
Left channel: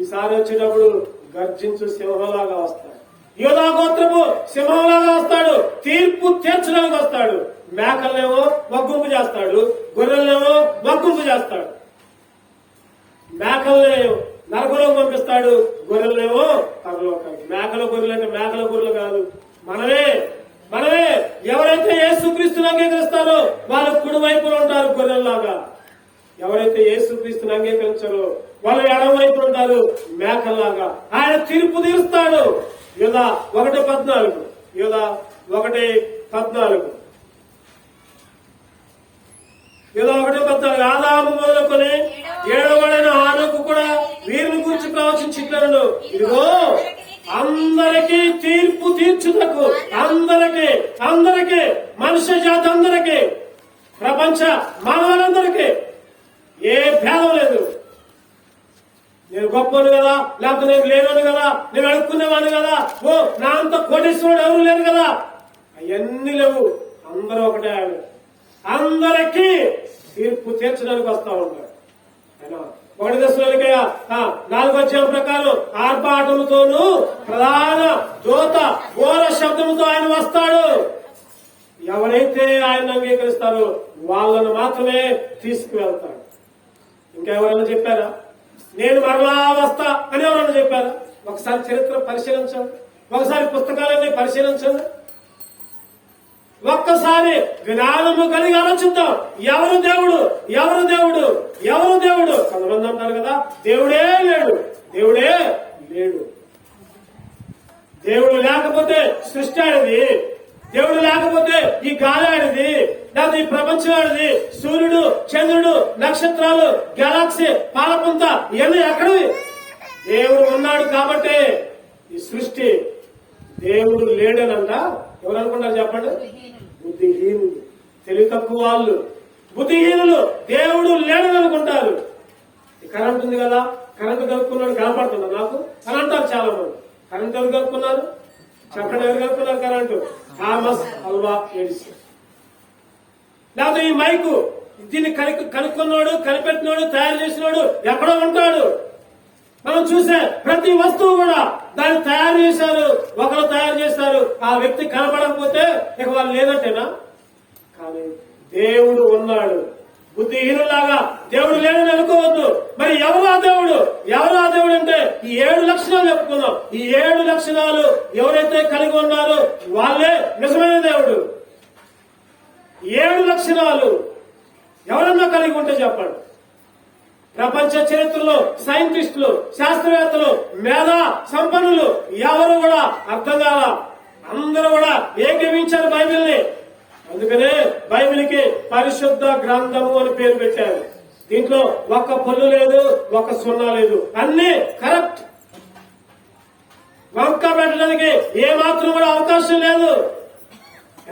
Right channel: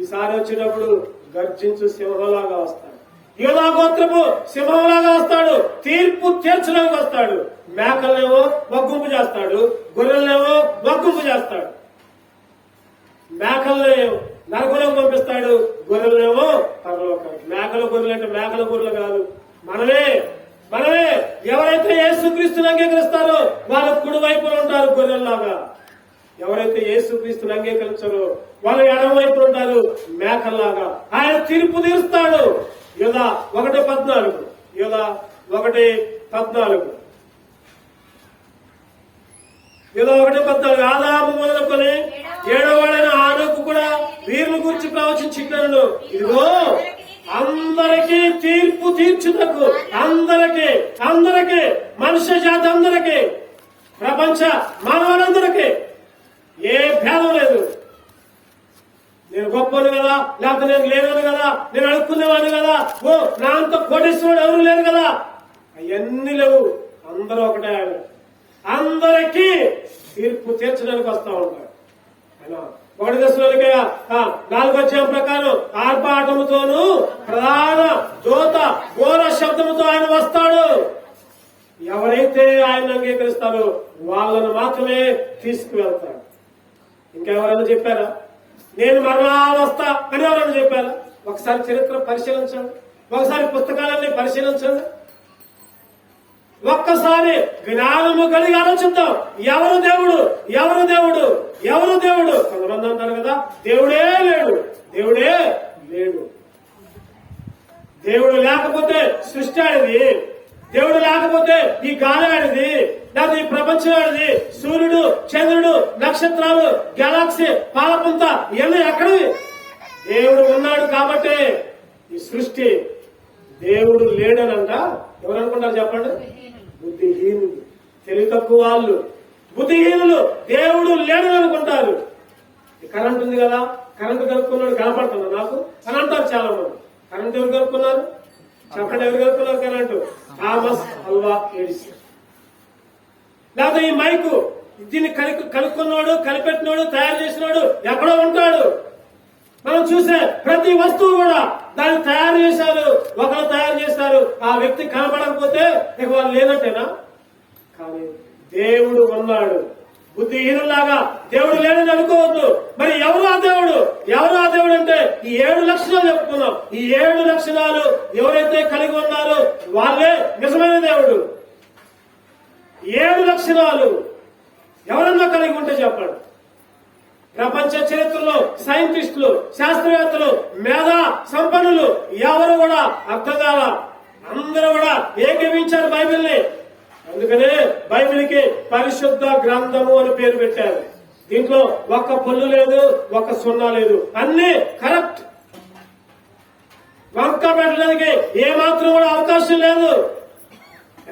ఈసారి వచ్చేటప్పుడు గర్జించు సింహంలాగా వస్తాడు. యూదా గోత్రపు సింహంలాగా వస్తాడు. తీర్పు తీర్చడానికి వస్తాడు. మేకలనేమో మగ్గుంపు చేస్తాడు, గొర్రెలనేమో మగ్గుంపు చేస్తాడు. మేకల్ని నరకంలోకి పంపిస్తాడు, గొర్రెలనేమో పరలోకానికి. మేకల గొర్రెలు అంటే మేకల గొర్రెలు కాదు, మనమే. ఎవరైతే యేసుక్రీస్తుని అంగీకరిస్తారో వాళ్ళ కుడి వైపున ఉంటారు గొర్రెల్లాగా. ఎవరైతే యేసుక్రీస్తుని అంగీకరించారో వాళ్ళు ఎడమ వైపున ఉంటారు మేకల్లాగా. ఆయన తీర్పు తీరుస్తాడు. యూదా 1:14. యూదా 1:14. యూదా 1:14. ఆదాము మొదలుకొని 7వ ఆనోకు కూడా వీరిని గురించి ప్రవచించున్నాడు. ఇదిగో అందరికీ తీర్పు తీర్చుటకు, అందరికీ మనుష్య జాతి అందరికీ, ప్రపంచ మానవులందరికీ ఏ భేదం లేదు. నేను గొప్పను కదా, లేకపోతే నేను లేనోడు కదా, నేను అడుక్కునేవాడు కదా, నా అంత కోటేశ్వరుడు ఎవరు లేరు కదా, అవన్నీ లేవు. అందరూ ఒకటే. అందరికీ తీర్పు తీర్చడానికి వస్తా ఉంటారు. ఆయన 1 దశలోనికయ్యా 4వ ప్రకారం ఆర్పాటముతోనూ ప్రధాన దూత ఘోర శబ్దముతో ఆయన వస్తాడు. ఎవరైతే ఆయన అంగీకరిస్తారో వాళ్ళను మాత్రమే తీసుకువెళ్తాడు. ఇంకెవరైనా చెప్పారా నేను మరలా వస్తా అని? ఎవరైనా చెప్పారా? ఒకసారి చరిత్ర పరిశీలించండి, ఒకసారి పుస్తకాలన్నీ పరిశీలించండి, ఒక్కసారి జ్ఞానము కలిగి ఆలోచిద్దాం. ఎవరు దేవుడు? కొంతమంది అంటారు కదా దేవుడే లేడు. దేవుడు లేకపోతే సృష్టి ఆడిది, దేవుడు లేకపోతే ఈ గాలి ఆడిది, లేకపోతే ఈ ప్రపంచం ఆడిది, సూర్యుడు, చంద్రుడు, నక్షత్రాలు, గెలాక్సీ, పాలపుంత ఇవన్నీ ఎక్కడివి? దేవుడు ఉన్నాడు కాబట్టే ఈ సృష్టి. దేవుడు లేడనంట ఎవరు అనుకుంటారు చెప్పండి? బుద్ధిహీనులు, తెలివి తక్కువ వాళ్ళు, బుద్ధిహీనులు దేవుడు లేడని అనుకుంటారు. కరెంట్ ఉంది కదా, కరెంటు కలుపుకున్నాడు కనపడుతుందా నాకు అని అంటారు చాలా మంది. కరెంట్ ఎవరు కలుపుకున్నారు చెప్పండి? ఎవరు కలుపుకున్నారు కరెంటు? Thomas Alva Edison. లేకపోతే ఈ మైకు దీన్ని కనుక్కున్నాడు, కనిపెట్టినాడు, తయారు చేసినాడు ఎక్కడో ఉంటాడు. మనం చూసే ప్రతి వస్తువు కూడా దాన్ని తయారు చేశారు, ఒకరు తయారు చేశారు. ఆ వ్యక్తి కనపడకపోతే ఇక వాళ్ళు లేనట్టేనా? కానీ దేవుడు ఉన్నాడు. బుద్ధిహీనులాగా దేవుడు లేడని అనుకోవద్దు. మరి ఎవరు ఆ దేవుడు అంటే ఈ 7 లక్షణాలు చెప్పుకున్నాం. ఈ 7 లక్షణాలు ఎవరైతే కలిగి ఉన్నారో వాళ్ళే నిజమైన దేవుడు. 7 లక్షణాలు ఎవరన్నా కలిగి ఉంటే చెప్పండి. ప్రపంచ చరిత్రలో సైంటిస్టులు, శాస్త్రవేత్తలు, మేధా సంపన్నులు ఎవరు కూడా అర్థం కాల, అందరూ కూడా ఏకీవించారు బైబిల్ని. అందుకనే బైబిల్కి పరిశుద్ధ గ్రంథము అని పేరు పెట్టారు. దీంట్లో ఒక్క పళ్ళు లేదు, ఒక్క సున్నా లేదు, అన్ని కరెక్ట్. వంక పెట్టడానికి ఏమాత్రం కూడా అవకాశం లేదు.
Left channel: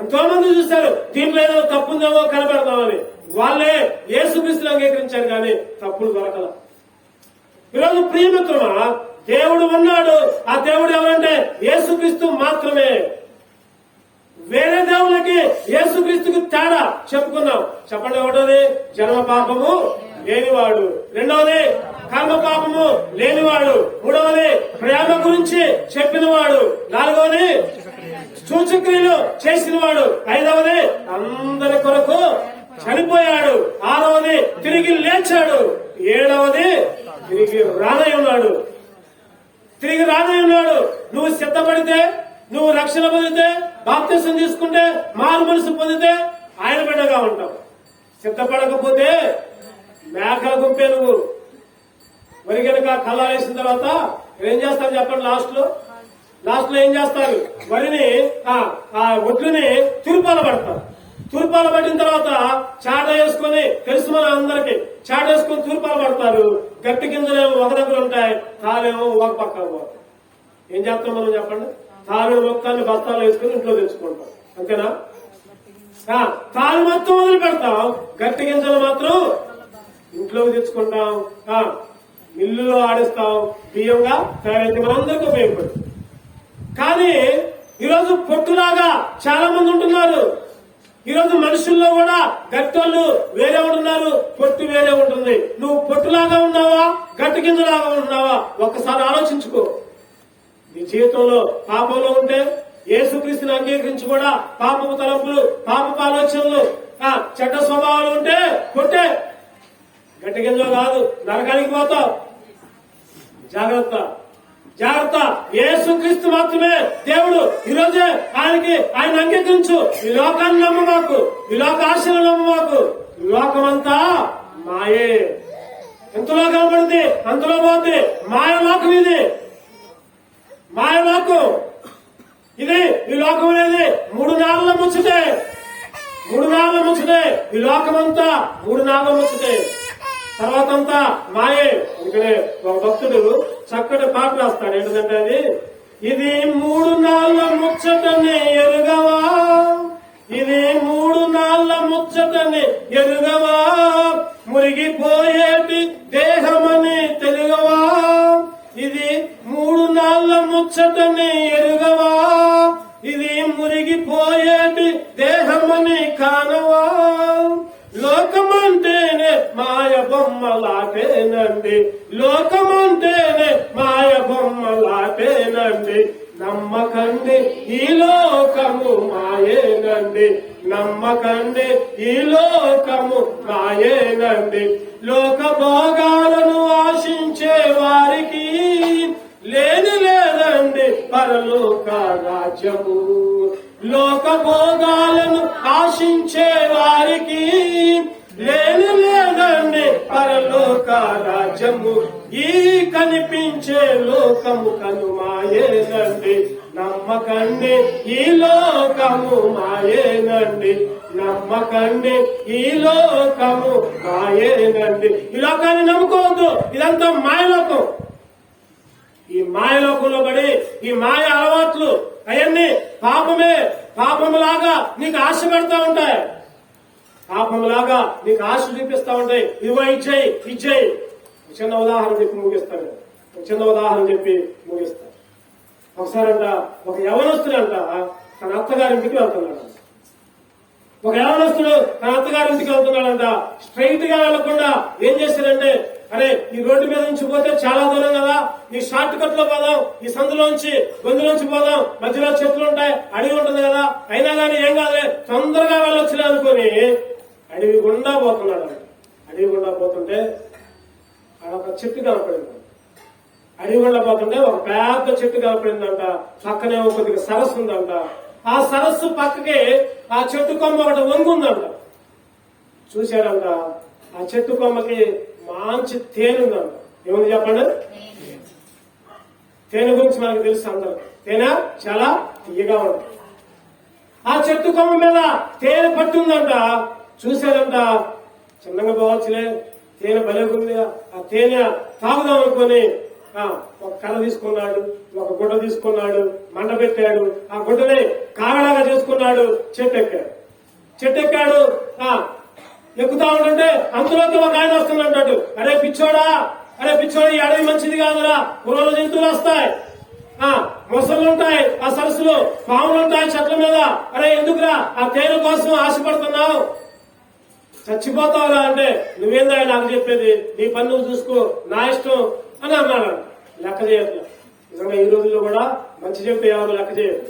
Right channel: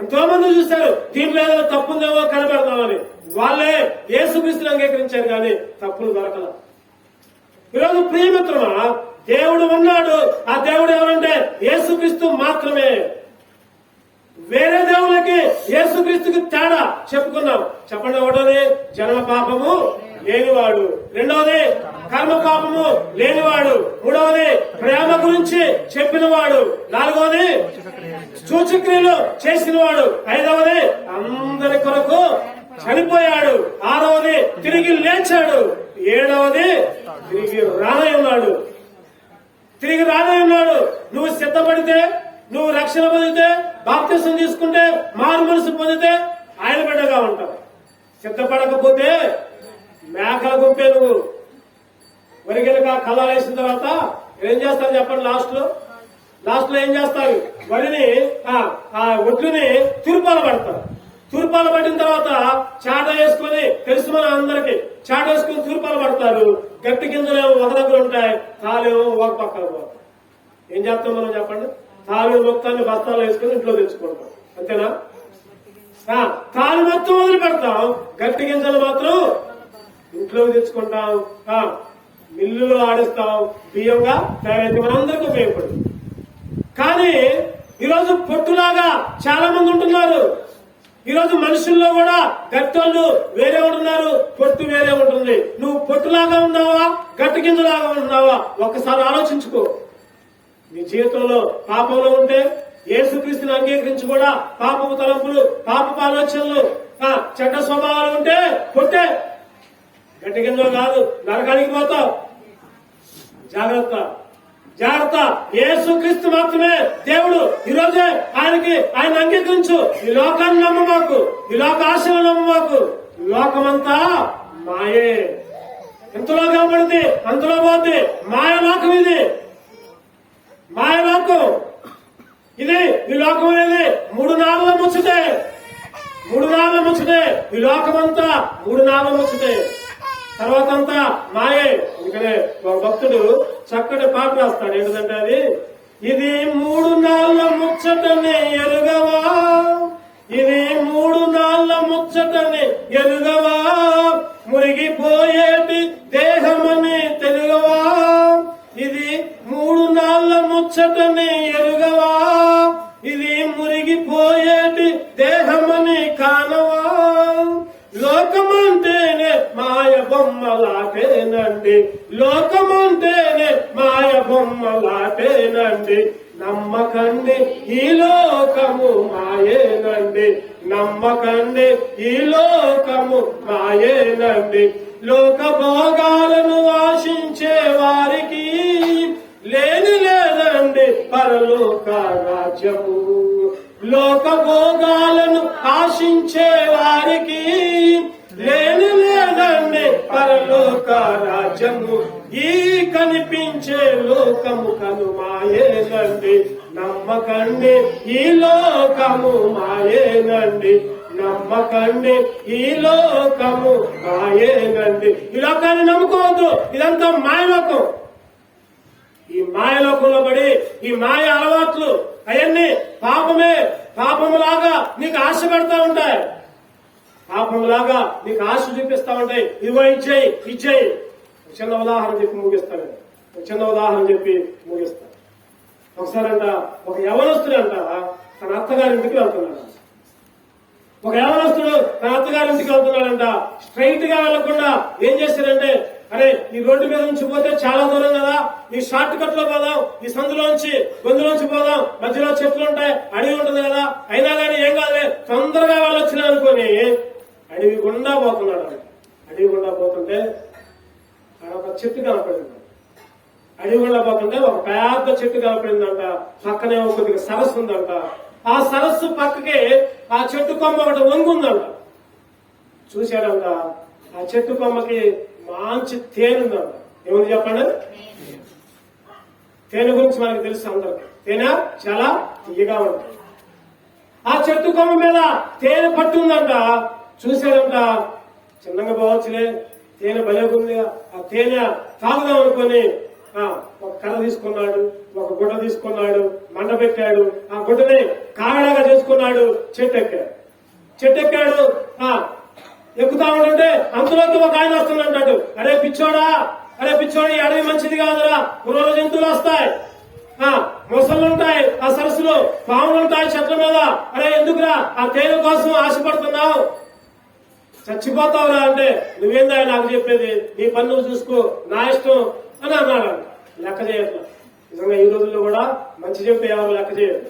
ఎంతో మంది చూస్తారు దీంట్లో ఏదో తప్పుందేమో కనిపెడతామని, వాళ్ళే యేసుక్రీస్తుని అంగీకరించారు కానీ తప్పులు దొరకల. ఈరోజు ప్రియమిత్రమా, దేవుడు ఉన్నాడు. ఆ దేవుడు ఎవరంటే యేసుక్రీస్తు మాత్రమే. వేరే దేవుళ్ళకి యేసుక్రీస్తుకి తేడా చెప్పుకున్నాం. చెప్పండి. ఒకటోది జన్మ పాపము లేనివాడు, రెండవది కర్మ పాపము లేనివాడు, మూడవది ప్రేమ గురించి చెప్పినవాడు, నాలుగవది సూచక్రియలు చేసినవాడు, ఐదవది అందరి కొరకు చనిపోయాడు, ఆరవది తిరిగి లేచాడు, ఏడవది తిరిగి రానై ఉన్నాడు. తిరిగి రానై ఉన్నాడు. నువ్వు సిద్ధపడితే, నువ్వు రక్షణ పొందితే, బాప్తిసం తీసుకుంటే, మారు మనసు పొందితే ఆయన బిడ్డగా ఉంటావు. సిద్ధపడకపోతే మేకల గుంపే నువ్వు. వరి గనక కళ్ళ వేసిన తర్వాత ఏం చేస్తారు చెప్పండి? లాస్ట్ లో ఏం చేస్తారు? వరిని ఒడ్లుని తురుపాల పడతారు. తురుపాల పడిన తర్వాత చాట వేసుకుని, తెలుసు మన అందరికి, చాట వేసుకుని తురుపాల పడతారు. గట్టి గింజలేమో ఒక దగ్గర ఉంటాయి, తాళేమో ఒక పక్కన పోతాయి. ఏం చేస్తాం మనం చెప్పండి? తాళిన మొత్తాన్ని బస్తాలు వేసుకుని ఇంట్లో తెచ్చుకుంటాం, అంతేనా? తాళి మొత్తం వదిలి పెడతాం, గట్టి గింజలు మాత్రం ఇంట్లోకి తెచ్చుకుంటాం, మిల్లులో ఆడిస్తాం, బియ్యంగా తయారైతే మనందరికీ ఉపయోగపడుతుంది. కానీ ఈరోజు పొట్టులాగా చాలా మంది ఉంటున్నారు. ఈరోజు మనుషుల్లో కూడా గట్టోళ్ళు వేరే ఉంటున్నారు, పొట్టు వేరే ఉంటుంది. నువ్వు పొట్టులాగా ఉన్నావా, గట్టి గింజలాగా ఉంటున్నావా? ఒక్కసారి ఆలోచించుకో. నీ జీవితంలో పాపంలో ఉంటే యేసుక్రీస్తుని అంగీకరించి కూడా పాపపు తలంపులు, పాపపు ఆలోచనలు, చెడ్డ స్వభావాలు ఉంటే కొట్టే. గట్టి గింజలు కాదు, నరకానికి పోతావు. జాగ్రత్త. యేసుక్రీస్తు మాత్రమే దేవుడు. ఈరోజే ఆయన అంగీకరించు. ఈ లోకాన్ని నమ్మమాకు, ఈ లోక ఆశలు నమ్మమాకు. ఈ లోకమంతా మాయే. ఎంతలో కనపడింది అంతలో పోతుంది. మాయలోకం ఇది, మాయలోకం ఇది. ఈ లోకం అనేది 3 నాళ్ళ ముచ్చటే. ఈ లోకమంతా 3 నాళ్ళ ముచ్చటే. తర్వాత అంతా మాయే. అందుకనే భక్తుడు చక్కటి పాట రాస్తాడు. ఏంటంటే అది, ఇది 3 నాళ్ళ ముచ్చటని ఎరుగవా, ఇది 3 నాళ్ళ ముచ్చటని ఎరుగవా, మురిగిపోయేటి దేహమని తెలుగవా, ఇది 3 నాళ్ళ ముచ్చటని ఎరుగవా, ఇది మురిగిపోయేటి దేహమని కానవా, లోకమంటేనే మాయ బొమ్మలాటేనండి, లోకమంటేనే మాయ బొమ్మలాటేనండి, నమ్మకండి ఈ లోకము మాయేనండి, నమ్మకండి ఈ లోకము మాయేనండి, లోక భోగాలను ఆశించే వారికి లేదండి పరలోక రాజ్యము, లోక భోగాలను ఆశించే వారికి లేదండి పరలోక రాజ్యము, ఈ కనిపించే లోకము కను మాయేనండి, నమ్మకండి ఈ లోకము మాయేనండి, నమ్మకండి ఈ లోకము మాయేనండి. ఈ లోకాన్ని నమ్ముకోవద్దు, ఇదంతా మాయలోకం. ఈ మాయలోకంలో పడి ఈ మాయ అలవాట్లు అవన్నీ పాపమే. పాపములాగా నీకు ఆశ పెడతా ఉంటాయి, పాపములాగా నీకు ఆశ చూపిస్తా ఉంటాయి. ఇదిగో ఇచ్చేయి. చిన్న ఉదాహరణ చెప్పి ముగిస్తాను. ఒకసారి ఒక యవనస్తుడంట తన అత్తగారింటికి వెళ్తున్నాడు. స్ట్రైట్ గా వెళ్లకుండా ఏం చేశారంటే, అరే ఈ రోడ్డు మీద నుంచి పోతే చాలా దూరం కదా, ఈ షార్ట్ కట్ లో పోదాం, ఈ సందులోంచి గొంతులోంచి పోదాం, మధ్యలో చెట్లు ఉంటాయి, అడవి ఉంటుంది కదా, అయినా కానీ ఏం కాదులే తొందరగా వెళ్ళొచ్చిన అనుకుని అడవి గుండా పోతున్నాడు. అడవి గుండా పోతుంటే ఒక చెట్టు కనపడింది. అడవి గుండా పోతుంటే ఒక పెద్ద చెట్టు కనపడిందంట. పక్కనే కొద్దిగా సరస్సు ఉందంట. ఆ సరస్సు పక్కకి ఆ చెట్టు కొమ్మ ఒకటి వంగుందంట. చూశాడంట, ఆ చెట్టు కొమ్మకి మంచి తేనె ఉందంట. ఏముంది చెప్పండి? తేనె గురించి మనకు తెలుసు అందరికి. తేనె చాలా తీయగా ఉంటుంది. ఆ చెట్టు కొమ్మ మీద తేనె పట్టు ఉందంట. చూశాడంట, చిన్నగా పోవచ్చులే, తేనె బలేకుంది, ఆ తేనె తాగుదాం అనుకుని ఒక కర్ర తీసుకున్నాడు, ఒక గుడ్డ తీసుకున్నాడు, మంట పెట్టాడు, ఆ గుడ్డని కాగడాగా చేసుకున్నాడు, చెట్టు ఎక్కాడు. ఎక్కుతా ఉంటుంటే అందులోకి ఒక ఆయన వస్తుందంటాడు, అరే పిచ్చోడా ఈ అడవి మంచిది కాదురా, క్రూర జంతువులు వస్తాయి, మొసలుంటాయి, ఆ సరస్సులో పాములు ఉంటాయి చెట్ల మీద, అరే ఎందుకురా ఆ తేనె కోసం ఆశపడుతున్నావు, చచ్చిపోతావురా అంటే, నువ్వేందా నాకు చెప్పేది, నీ పన్నులు చూసుకో, నా ఇష్టం అని అన్నాడు. లెక్క చేయట్లా. నిజంగా ఈ రోజుల్లో కూడా మంచి చెప్తే ఎవరు లెక్క చేయరు.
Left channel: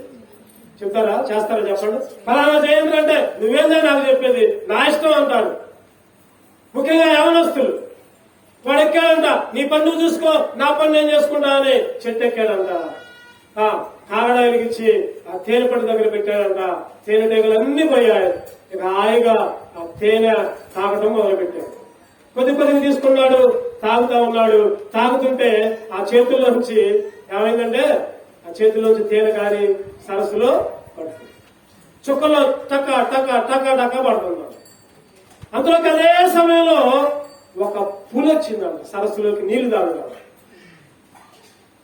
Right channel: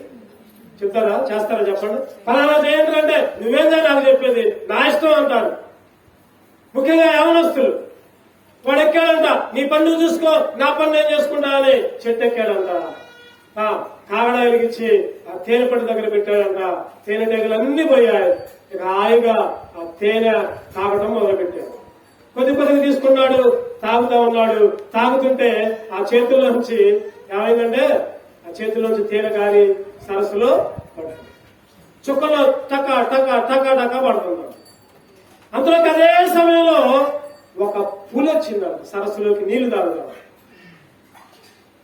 చెప్తారా, చేస్తారా చెప్పండి. ఫలానా చేయండి అంటే, నువ్వేందా నాకు చెప్పేది, నా ఇష్టం అంటాడు. ముఖ్యంగా యవనస్తులు, వాడు ఎక్కాడంట, నీ పన్ను చూసుకో, నా పన్ను నేను చేసుకుంటా అని చెట్టు ఎక్కాడంట. కాగడాలిగిచ్చి ఆ తేనె పట్టు దగ్గర పెట్టాడంట. తేనెటీగలన్నీ పోయాయి. ఇక హాయిగా ఆ తేనె తాగడం మొదలుపెట్టాడు. కొద్దిగా తీసుకున్నాడు, తాగుతా ఉన్నాడు. తాగుతుంటే ఆ చేతుల్లో నుంచి ఏమైందంటే, ఆ చేతుల్లోంచి తేనె గారి సరస్సులో పడుతుంది. చుక్కలో టక టక టక టక పడుతున్నాడు. అంతలోకి అదే సమయంలో ఒక పులి వచ్చిందంట సరస్సులోకి నీళ్లు తాగుతాడు.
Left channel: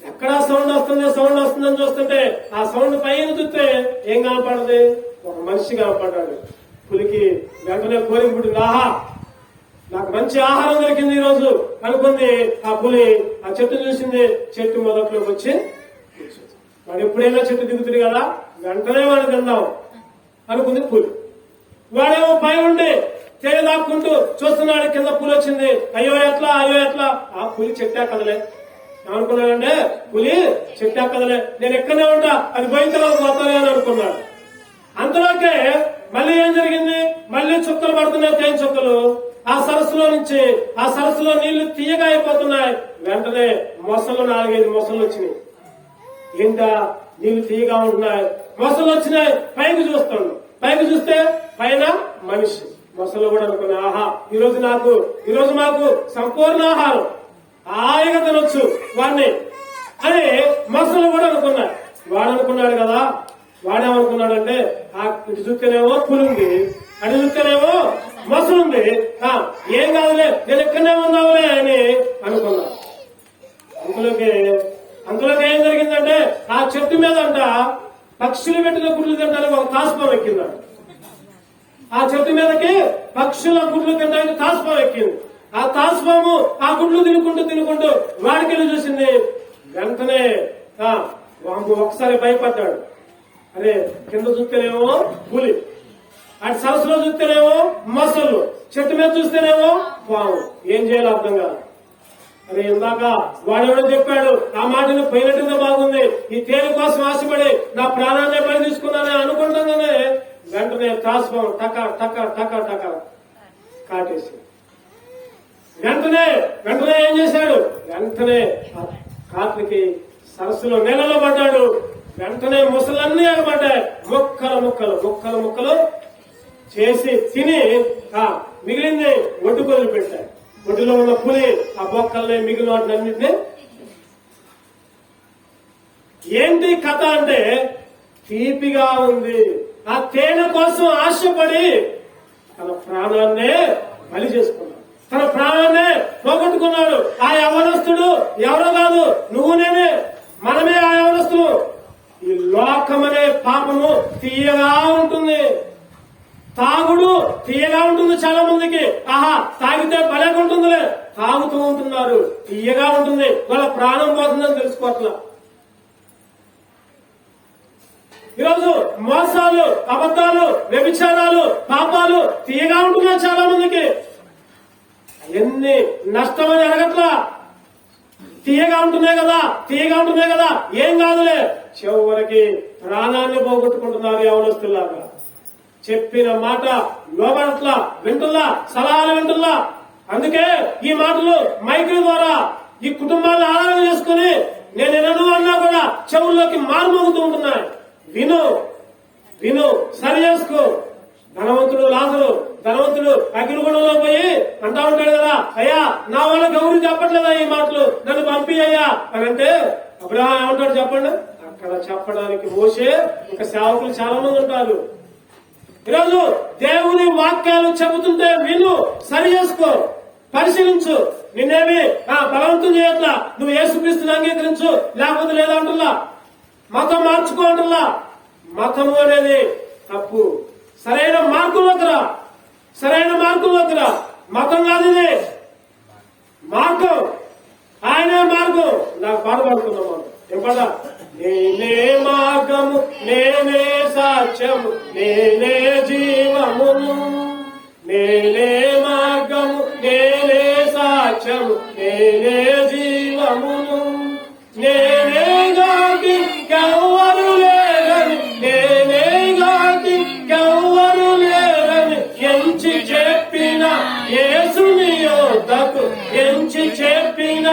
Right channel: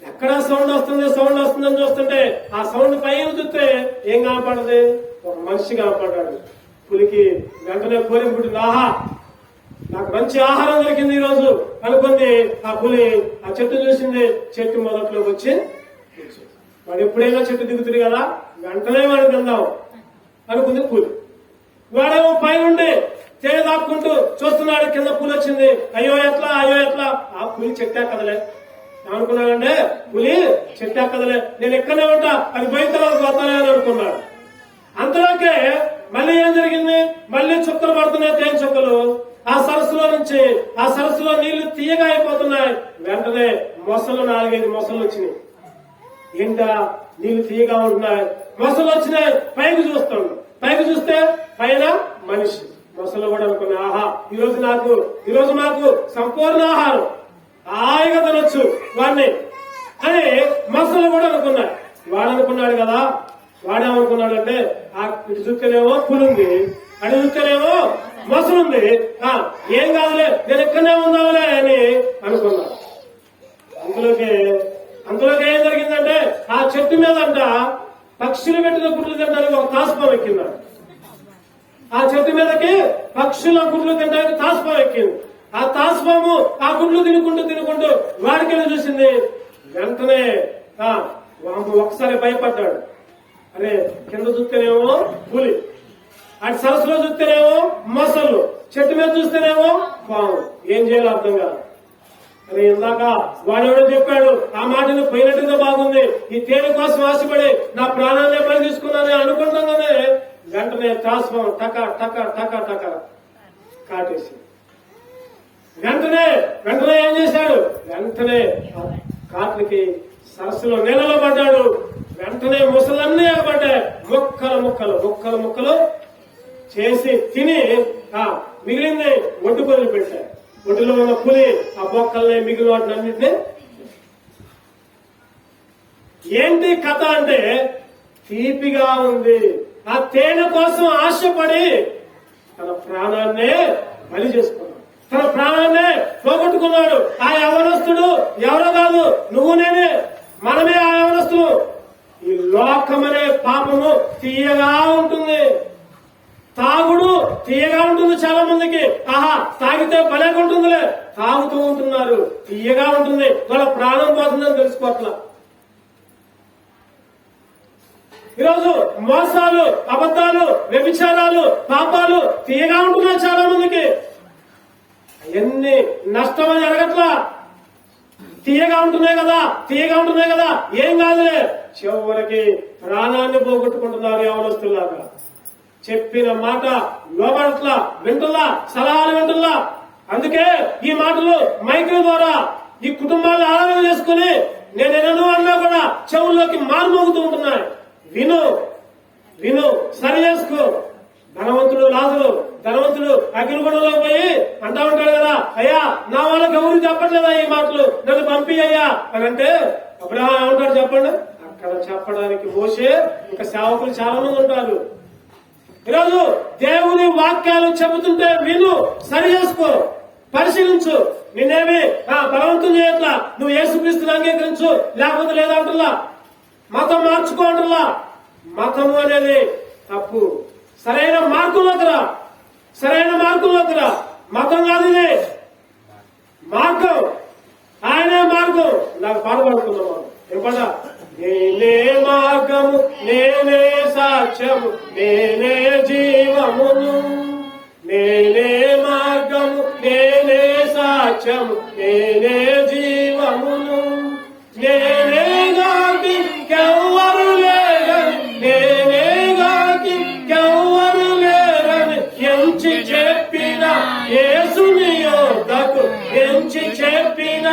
ఎక్కడా సౌండ్ వస్తుందని చూస్తుంటే ఆ సౌండ్ పైన చూస్తే ఏం కనపడదు, ఒక మనిషి కనపడ్డాడు. పులికి వెంటనే కోరిక పుట్టింది, ఆహా నాకు మంచి ఆహారం దొరికింది ఈ రోజు అనుకుంది. ఆ పులి ఆ చెట్టు చూసింది, చెట్టు మొదట్లోకి వచ్చి వాడు ఎప్పుడైనా చెట్టు దిగుతుంది కదా, వెంటనే వాడు తిందాం అనుకుంది పులి. వాడేమో పైనుండి తేనె దాక్కుంటూ చూస్తున్నాడు, కింద పులి వచ్చింది. అయ్యో ఎట్లా ఆ పులి చెట్టా కదలే. ఏమనుకున్నాడంటే, పులి చెట్టా కదలే, నేను ఎక్కడనే ఉంటా, అది భయంకరంగా పోతానే అని అనుకున్నాడు. అంతలోకే మళ్ళీ ఏం జరిగింది, మళ్ళీ చుక్కలు పడుతున్నాయి, తేనె చుక్కలు. ఆ సరస్సులో నీళ్లు తీయగా అయిపోతున్నాయి. వెంటనే మొసలు 4-5 మొసలు వచ్చినాయి. ఏంటా నీళ్లు తీయగా ఉంటున్నాయి, మొసలు వచ్చినాయి. పైకి చూస్తే పైన మనిషి. మొసలు కూడా అనుకున్నా, ఆహా ఈరోజు మాకు సంపూర్ణ ఆహారం, హాయిగా తినొచ్చు వాడిని అని మొసలు కూడా అనుకున్నాయి. వాడు అనుకున్నాడు కదా, వాడేమనుకున్నాడంటే, ఇటు చూస్తేనేమో పులి ఉంది, అటు చూస్తేనేమో మొసలుంది, ఏం కాదులే నేను ఎక్కడనే ఉందాములే అని అనుకున్నాడు. అందులోకి ఏం జరిగిందంటే, ఆ చెట్టు మీద అంట పక్షులు పెట్టిన గుడ్లు తినడానికి ఒక తాసుపాము ఎక్కిందంట. ఆ చెట్టు మీదకి పక్షుల గుడ్లు తినడానికి తాసుపాము ఎక్కింది. ఆ తాసుపాము ఆ గుడ్లు తినుకుంటూ వాడికెళ్ళి చూసింది. వెంటనే ఒకసారి భయపడ్డాడు. అరే కింద చూస్తేనేమో పులి, అటు సరస్సులో చూస్తేనేమో మొసళ్ళు, చెట్టు మీద చూస్తేనేమో పాము, ఏం చేయాలో అర్థం కాదు. అరే ఇందాక వాడెవడో చెప్పాడు, ఆ మాటను పోయినట్టుగా బాగుంది, ఈ తేనె కోసం ఆశపడి నా ప్రాణాన్ని బలి తీసుకున్నానని అనుకుంటాగానే వెంటనే తాసుపాము టక టక టక టక కాటేసి వెంటనే ఏం చేశాడు, వెంటనే కాట్లకి సరస్సులో నేలలో పడ్డాడు. వెంటనే ముసలన్నీ ఎగబడ్డాయి. ముక్కలు చేసి తిని మిగిలింది ఒడ్డుకొల్లు పెట్టాయి. ఒడ్డులో ఉన్న పులి ఆ బొక్కల్ని మిగిలిన వాటినన్నింటినీ. ఏంటి కథ అంటే, తీపిగా ఉంది. ఆ తేనె కోసం ఆశపడి తన ప్రాణాన్నే బలి చేసుకున్నాడు, తన ప్రాణాన్నే పోగొట్టుకున్నాడు. ఆ యవనస్తుడు ఎవరో కాదు, నువ్వు నేనే, మనమే ఆ యవనస్తులు. ఈ లోకమనే పాపము తీయగా ఉంటుంది, తాగుడు తీయగా ఉంటుంది. చాలా మందికి ఆహా తాగితే భలేగా ఉంటుందిలే, తాగుతూ ఉంటున్నారు, తీయగా ఉంటుంది, వాళ్ళ ప్రాణం పోతుందని తెలుసుకోవట్లా. ఈరోజు మోసాలు, అబద్ధాలు, వ్యభిచారాలు, పాపాలు తీయగా ఉంటున్నాయి చాలా మందికి. ఎన్ని నష్టమని అడగట్లా, తీయగా ఉంటున్నాయి కదా, ఏం కాదులే, చివరికి ప్రాణాన్ని పోగొట్టుకుంటున్నారు యవనస్తులాగా. చెప్పిన మాట లోబడట్లా, వింటుల్లా, సలహాలు వింటుల్లా. అందుకే ఈ మాటలు మైకుల ద్వారా ఈ కుటుంబాలను ఆధారం చేసుకుని నేను ఎన్నో అన్నా కూడా చెవుల్లోకి మారుమోగుతూ ఉంటున్నాయి. విను, సరి చేసుకో. ధనవంతుడు అగ్నిగుణంలో పోయి అంటా ఉంటాడు కదా, అయ్యా నా వాళ్ళకి ఎవరు చెప్పట్లేదా ఈ మాటలు, నన్ను పంపి అయ్యా అని అంటే, అబ్రహాం ఏమంటాడు చెప్పండి. అక్కడ చెప్పడానికి మోసే ఇంకా సేవకులు చాలా మంది ఉంటారు. ఈరోజు దేవుని వాక్యాలు చెబుతుంటే విను, సరి చేసుకో. పరిశీలించు. నిన్నేమి బలవంతం చేయట్లా. నువ్వు యేసుక్రీస్తుని అంగీకరించు, లేకపోతే లేదంటున్నా. మతం మార్చుకోంటున్నా. మతము అనేది తప్పు. సరైన మార్గంలోకి రా. సరైన మార్గంలోకి రా. మతం కాదు ఇది, మార్గం. ఆయనే మార్గం. నాకు పాట పాడుకుందాం. ఏం పాట? నేనే మార్గము, నేనే సాక్ష్యము, నేనే జీవమును. నేనే మార్గము, నేనే సాక్ష్యము, నేనే జీవమును. నేనే గాకి కెవ్వరు లేరని, నేనే గాకి కెవ్వరు లేరని ఎంచి చెప్పిన యేసుని యొద్దకు, ఎంచి చెప్పిన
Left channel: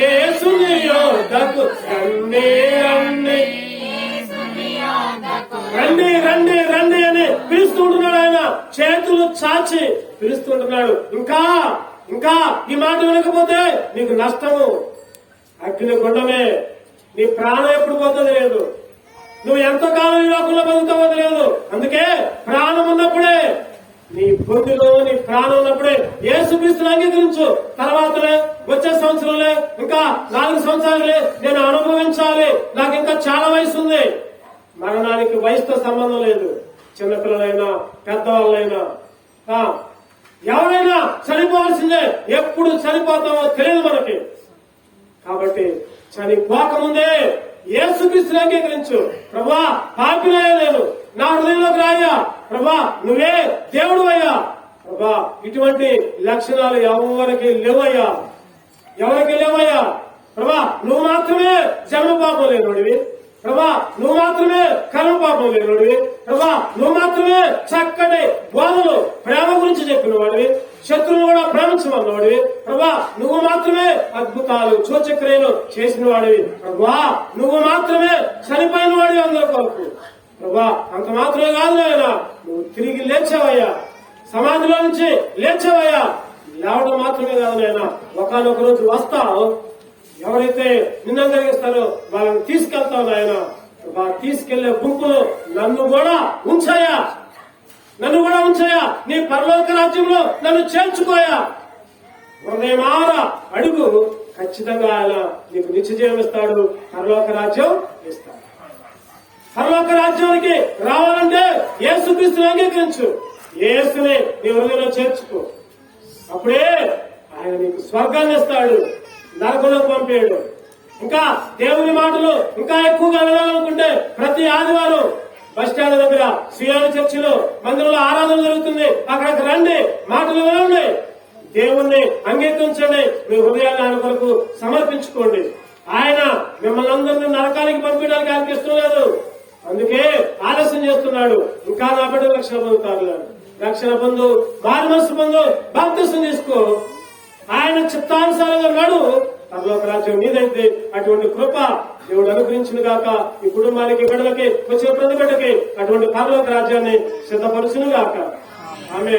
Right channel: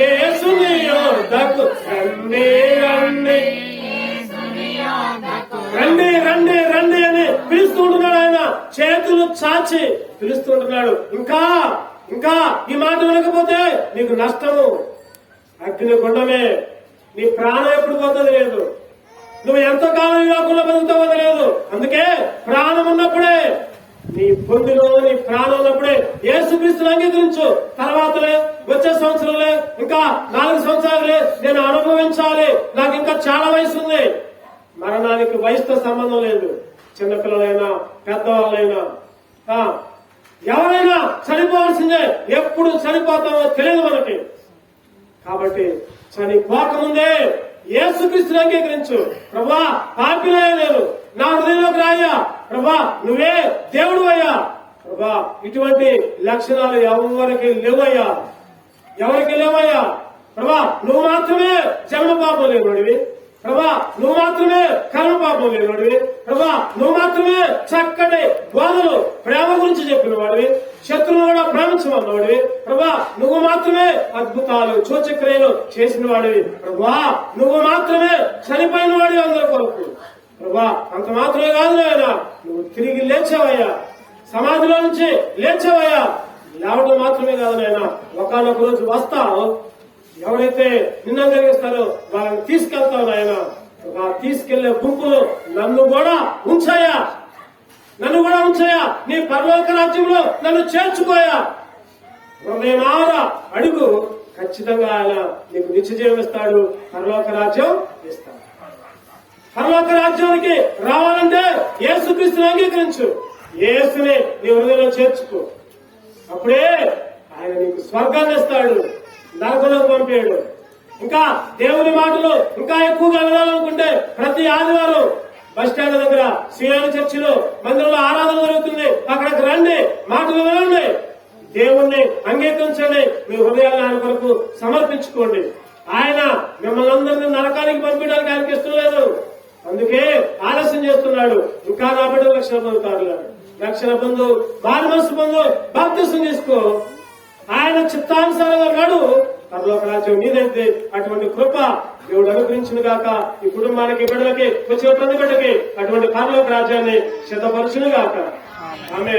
యేసుని యొద్దకు రండి రండి రండి రండి రండి అని పిలుస్తుంటున్నాడు. ఆయన చేతులు చాచి పిలుస్తుంటున్నాడు. ఇంకా ఇంకా ఈ మాట వినకపోతే నీకు నష్టము, అగ్ని గుండమే. నీ ప్రాణం ఎప్పుడు పోతుంది లేదు. నువ్వు ఎంతకాలం ఈ లోకంలో బతుకుతావో లేదు. అందుకే ప్రాణం ఉన్నప్పుడే, నీ బొందులో నీ ప్రాణం ఉన్నప్పుడే యేసుక్రీస్తుని అంగీకరించు. తర్వాతలే వచ్చే సంవత్సరంలో ఇంకా 4 సంవత్సరాలే నేను అనుభవించాలి, నాకు ఇంకా చాలా వయసు ఉంది. మరణానికి వయసుతో సంబంధం లేదు. చిన్నపిల్లలైనా పెద్దవాళ్ళైనా ఎవరైనా చనిపోవాల్సిందే. ఎప్పుడు చనిపోతామో తెలియదు మనకి. కాబట్టి చనిపోకముందే యేసుక్రీస్తుని అంగీకరించు. ప్రభా, పాపినయ్యా నేను, నా హృదయంలోకి రాయ్యా. ప్రభా, నువ్వే దేవుడు అయ్యా. ప్రభా, ఇటువంటి లక్షణాలు ఎవరికి లేవయ్యా, ఎవరికి లేవయ్యా. ప్రభా, నువ్వు మాత్రమే జన్మ పాపం లేనివాడివి. ప్రభా, నువ్వు మాత్రమే కర్మ పాపం లేనివాడివి. ప్రభా, నువ్వు మాత్రమే చక్కటి బోధలు ప్రేమ గురించి చెప్పిన వాడివి. శత్రువును కూడా ప్రేమించమన్నవాడివి. ప్రభా, నువ్వు మాత్రమే అద్భుతాలు సూచక్రియలు చేసిన వాడివి. ప్రభా, నువ్వు మాత్రమే చనిపోయిన వాడివి అందరి కొరకు. ప్రభా, అంత మాత్రమే కాదు నాయన, నువ్వు తిరిగి లేచావయ్యా, సమాధిలో నుంచి లేచావయ్యా. లేవడం మాత్రమే కాదు నాయన, ఒకనొక రోజు వస్తావు. ఎవరైతే నిన్ను కలిగిస్తారో వాళ్ళని తీసుకెళ్తావు నాయన. తీసుకెళ్లే గుంపులు నన్ను కూడా ఉంచాయా, నన్ను కూడా ఉంచాయా. నీ పరలోక రాజ్యంలో నన్ను చేర్చుకోయా. హృదయమార అడుగు, ఖచ్చితంగా ఆయన నీకు నిత్య జీవం ఇస్తాడు, పరలోక రాజ్యం ఇస్తాడు. పరలోక రాజ్యానికి రావాలంటే యేసుక్రీస్తుని అంగీకరించు. యేసుని నీ హృదయంలో చేర్చుకో. అప్పుడే ఆయన నీకు స్వర్గాన్ని ఇస్తాడు, నరకులకు పంపాడు. ఇంకా దేవుని మాటలు ఇంకా ఎక్కువగా వినాలనుకుంటే ప్రతి ఆదివారం బస్ స్టాండ్ దగ్గర సియాని చర్చిలో మందిరంలో ఆరాధన జరుగుతుంది. అక్కడికి రండి, మాటలు వినండి, దేవుణ్ణి అంగీకరించండి, మీ హృదయాన్ని ఆయన కొరకు సమర్పించుకోండి. ఆయన మిమ్మల్ని అందరినీ నరకానికి పంపించడానికి ఆయనకి ఇష్టం లేదు. అందుకే ఆలస్యం చేస్తున్నాడు. ఇంకా నా బిడ్డ రక్షణ పొందుతారు. రక్షణ పొందు, మారు మనసు పొందు, బాప్తిసం చేసుకో, ఆయన చిత్తానుసారంగా నాడు, పరలోక రాజ్యం నీదైతే. అటువంటి కృప దేవుడు అనుగ్రహించిన గాక. ఈ కుటుంబానికి, బిడ్డలకి, వచ్చిన ప్రతి బిడ్డకి అటువంటి పరలోక రాజ్యాన్ని సిద్ధపరచును గాక. ఆమె